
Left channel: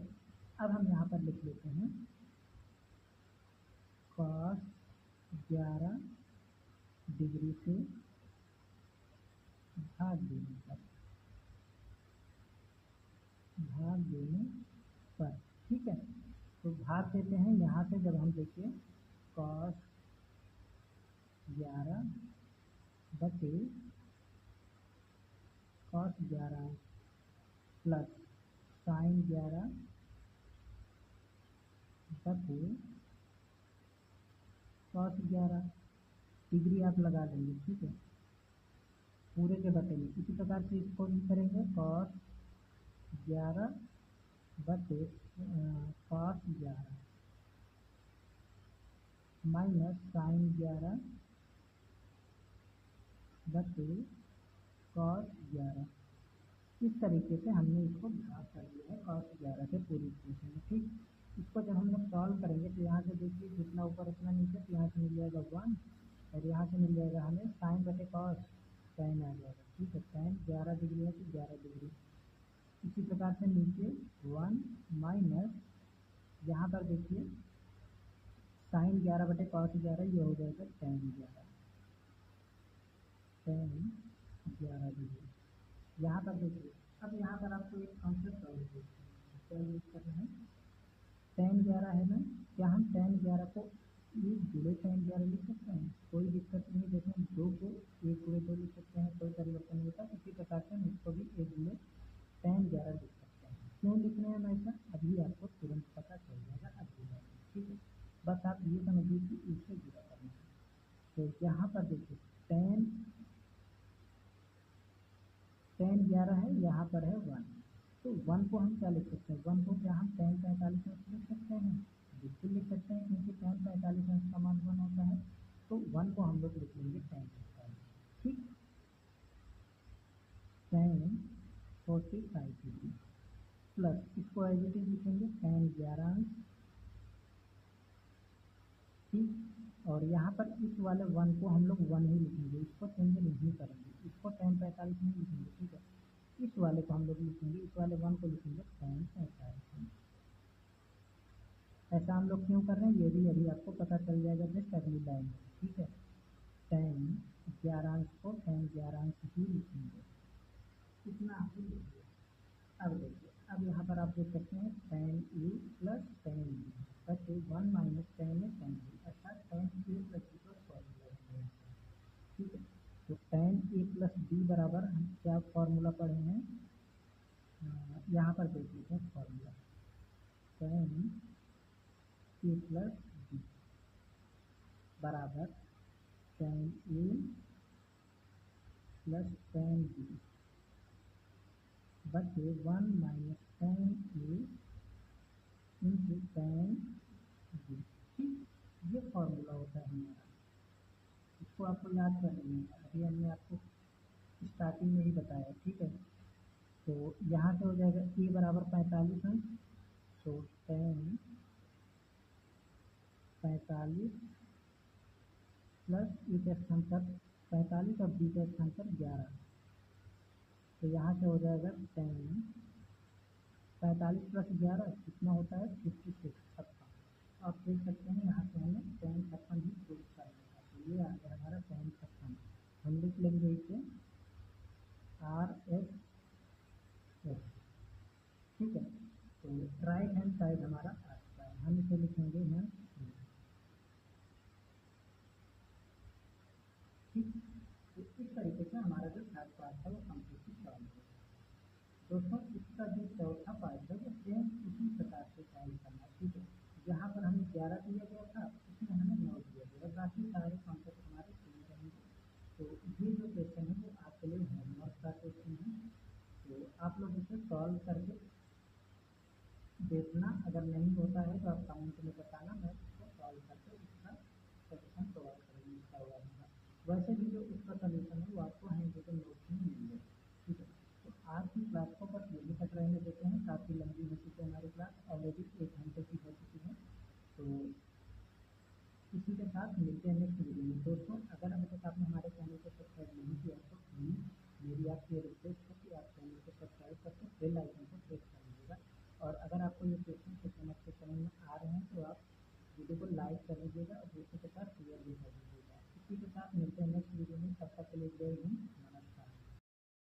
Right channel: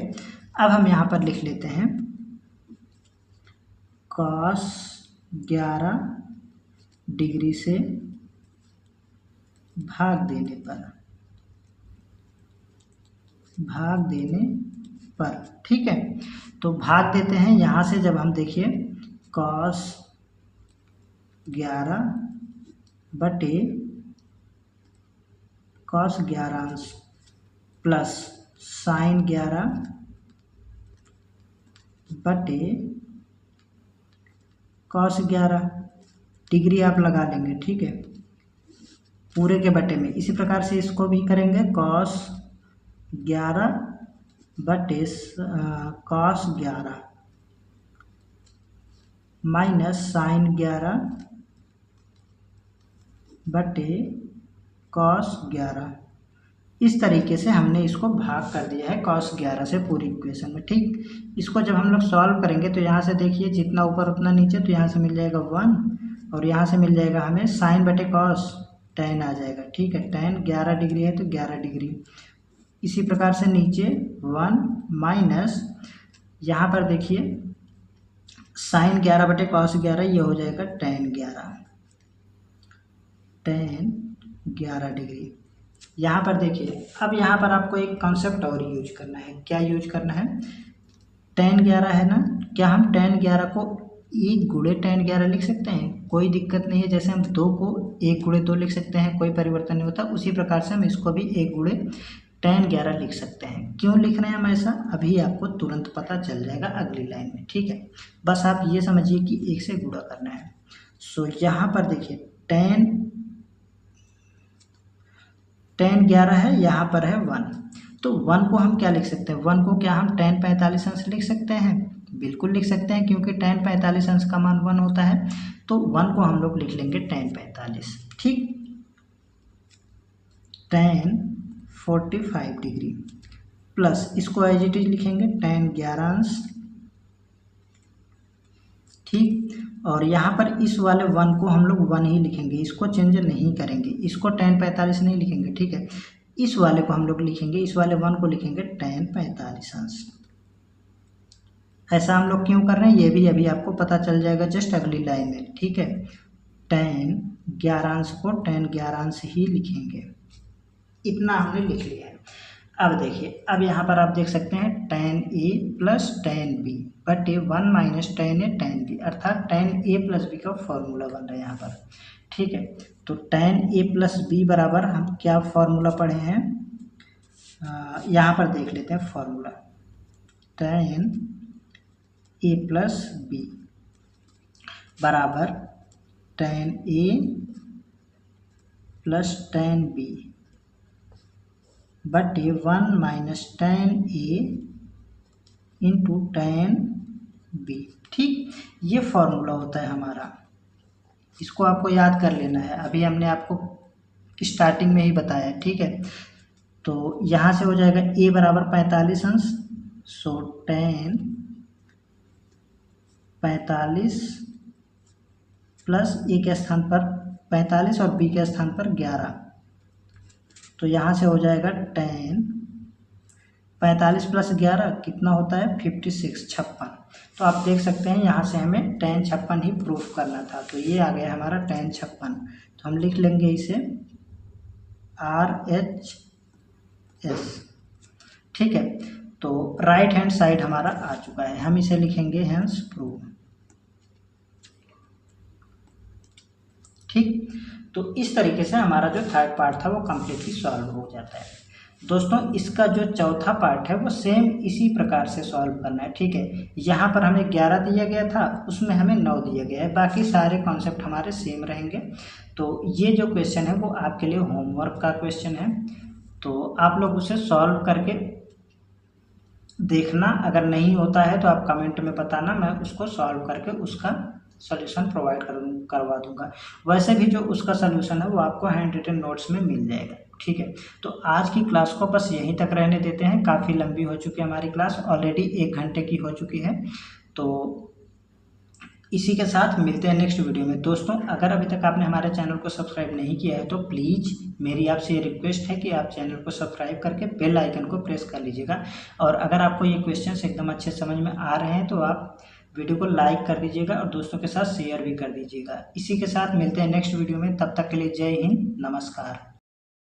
अब हम यहाँ पर लिख लेते हैं cos 11 डिग्री से भाग देने पर, ठीक है। तो भाग देते हैं यहाँ से, जब हम देखिए cos 11 बटे cos 11 अंश प्लस साइन 11 बटे cos 11 डिग्री आप लगा लेंगे, ठीक है, पूरे के बटे में। इसी प्रकार से इसको भी करेंगे, cos 11 बटे cos 11 माइनस साइन 11 बटे cos 11। इस तरीके से हमने इसको भाग कर दिया है cos 11 से पूरी इक्वेशन में, ठीक। इसको जब हम लोग सॉल्व करेंगे तो यहाँ से देखिए जितना ऊपर उतना नीचे, तो यहाँ से मिल जाएगा 1 और यहाँ से मिल जाएगा हमें साइन बटे cos tan आ जाएगा, ठीक है। tan 11 डिग्री है तो 11 डिग्री। इसी प्रकार से नीचे 1 माइनस यहाँ पर देखिए साइन 11 बटे cos 11, ये हो जाएगा tan 11 डिग्री। यहाँ पर देखिए, अब यहाँ पर आपको एक कॉन्सेप्ट और यूज करना है। क्या यूज करना है, tan 11 है ना, क्या हम tan 11 को 1 गुणे tan 11 लिख सकते हैं? कोई दिक्कत नहीं है। जैसे हम 2 को 1 गुणे 2 लिख सकते हैं, कोई परिवर्तन नहीं होता, उसी प्रकार से हम इसको भी 1 गुणे tan 11 लिख सकते हैं। क्यों लिख रहे हैं हम ऐसा, अभी आपको तुरंत पता चल जाएगा अगली लाइन में, ठीक है। बस आप ये समझिए कि 1 से गुणा करना है। सो यहाँ पर देखिए tan 11 है, यहाँ पर है 1, तो 1 को हम क्या लिख सकते हैं, 1 को क्या हम tan 45 अंश लिख सकते हैं? बिल्कुल लिख सकते हैं, क्योंकि tan 45 अंश का मान 1 होता है। तो 1 को हम लोग लिख लेंगे tan 45, ठीक। tan 45 डिग्री प्लस इसको एज इट इज लिखेंगे tan 11 अंश, ठीक। और यहाँ पर इस वाले 1 को हम लोग 1 ही लिखेंगे, इसको चेंज नहीं करेंगे, इसको tan 45 नहीं लिखेंगे, ठीक है। इस वाले को हम लोग लिखेंगे, इस वाले 1 को लिखेंगे tan 45 अंश। ऐसा हम लोग क्यों कर रहे हैं ये भी अभी आपको पता चल जाएगा जस्ट अगली लाइन में, ठीक है। tan 11 अंश को tan 11 अंश ही लिखेंगे, इतना हमने लिख लिया है। अब देखिए, अब यहाँ पर आप देख सकते हैं tan a plus tan b बटे 1 minus tan a tan b, अर्थात tan a प्लस b का फॉर्मूला बन रहा है यहाँ पर, ठीक है। तो tan a प्लस b बराबर हम क्या फॉर्मूला पढ़े हैं, यहाँ पर देख लेते हैं formula, tan a plus b बराबर tan a plus tan b बटे 1 minus tan a into tan b, ठीक। ये फॉर्मूला होता है हमारा, इसको आपको याद कर लेना है, अभी हमने आपको स्टार्टिंग में ही बताया, ठीक है। तो यहाँ से हो जाएगा a बराबर 45 अंश, सो tan 45 प्लस a के स्थान पर 45 और b के स्थान पर 11, तो यहाँ से हो जाएगा tan 45 प्लस 11 कितना होता है 56, 56। तो आप देख सकते हैं यहाँ से हमें tan 56 ही प्रूफ करना था, तो ये आ गया हमारा tan 56। तो हम लिख लेंगे इसे RHS, ठीक है। तो राइट हैंड साइड हमारा आ चुका है, हम इसे लिखेंगे हेंस प्रूव। ठीक, तो इस तरीके से हमारा जो थर्ड पार्ट था वो कम्प्लीटली सॉल्व हो जाता है। दोस्तों इसका जो चौथा पार्ट है वो सेम इसी प्रकार से सॉल्व करना है। ठीक है, यहाँ पर हमें 11 दिया गया था, उसमें हमें 9 दिया गया है, बाकी सारे कॉन्सेप्ट हमारे सेम रहेंगे। तो ये जो क्वेश्चन है वो आपके लिए होमवर्क का क्वेश्चन है, तो आप लोग उसे सॉल्व करके देखना। अगर नहीं होता है तो आप कमेंट में बताना, मैं उसको सॉल्व करके उसका सॉल्यूशन प्रोवाइड करवा दूंगा। वैसे भी जो उसका सॉल्यूशन है वो आपको हैंड रिटन नोट्स में मिल जाएगा। ठीक है, तो आज की क्लास को बस यहीं तक रहने देते हैं, काफ़ी लंबी हो चुकी है हमारी क्लास, ऑलरेडी 1 घंटे की हो चुकी है। तो इसी के साथ मिलते हैं नेक्स्ट वीडियो में। दोस्तों अगर अभी तक आपने हमारे चैनल को सब्सक्राइब नहीं किया है तो प्लीज़ मेरी आपसे ये रिक्वेस्ट है कि आप चैनल को सब्सक्राइब करके बेल आइकन को प्रेस कर लीजिएगा। और अगर आपको ये क्वेश्चंस एकदम अच्छे समझ में आ रहे हैं तो आप वीडियो को लाइक कर दीजिएगा और दोस्तों के साथ शेयर भी कर दीजिएगा। इसी के साथ मिलते हैं नेक्स्ट वीडियो में, तब तक के लिए जय हिंद, नमस्कार।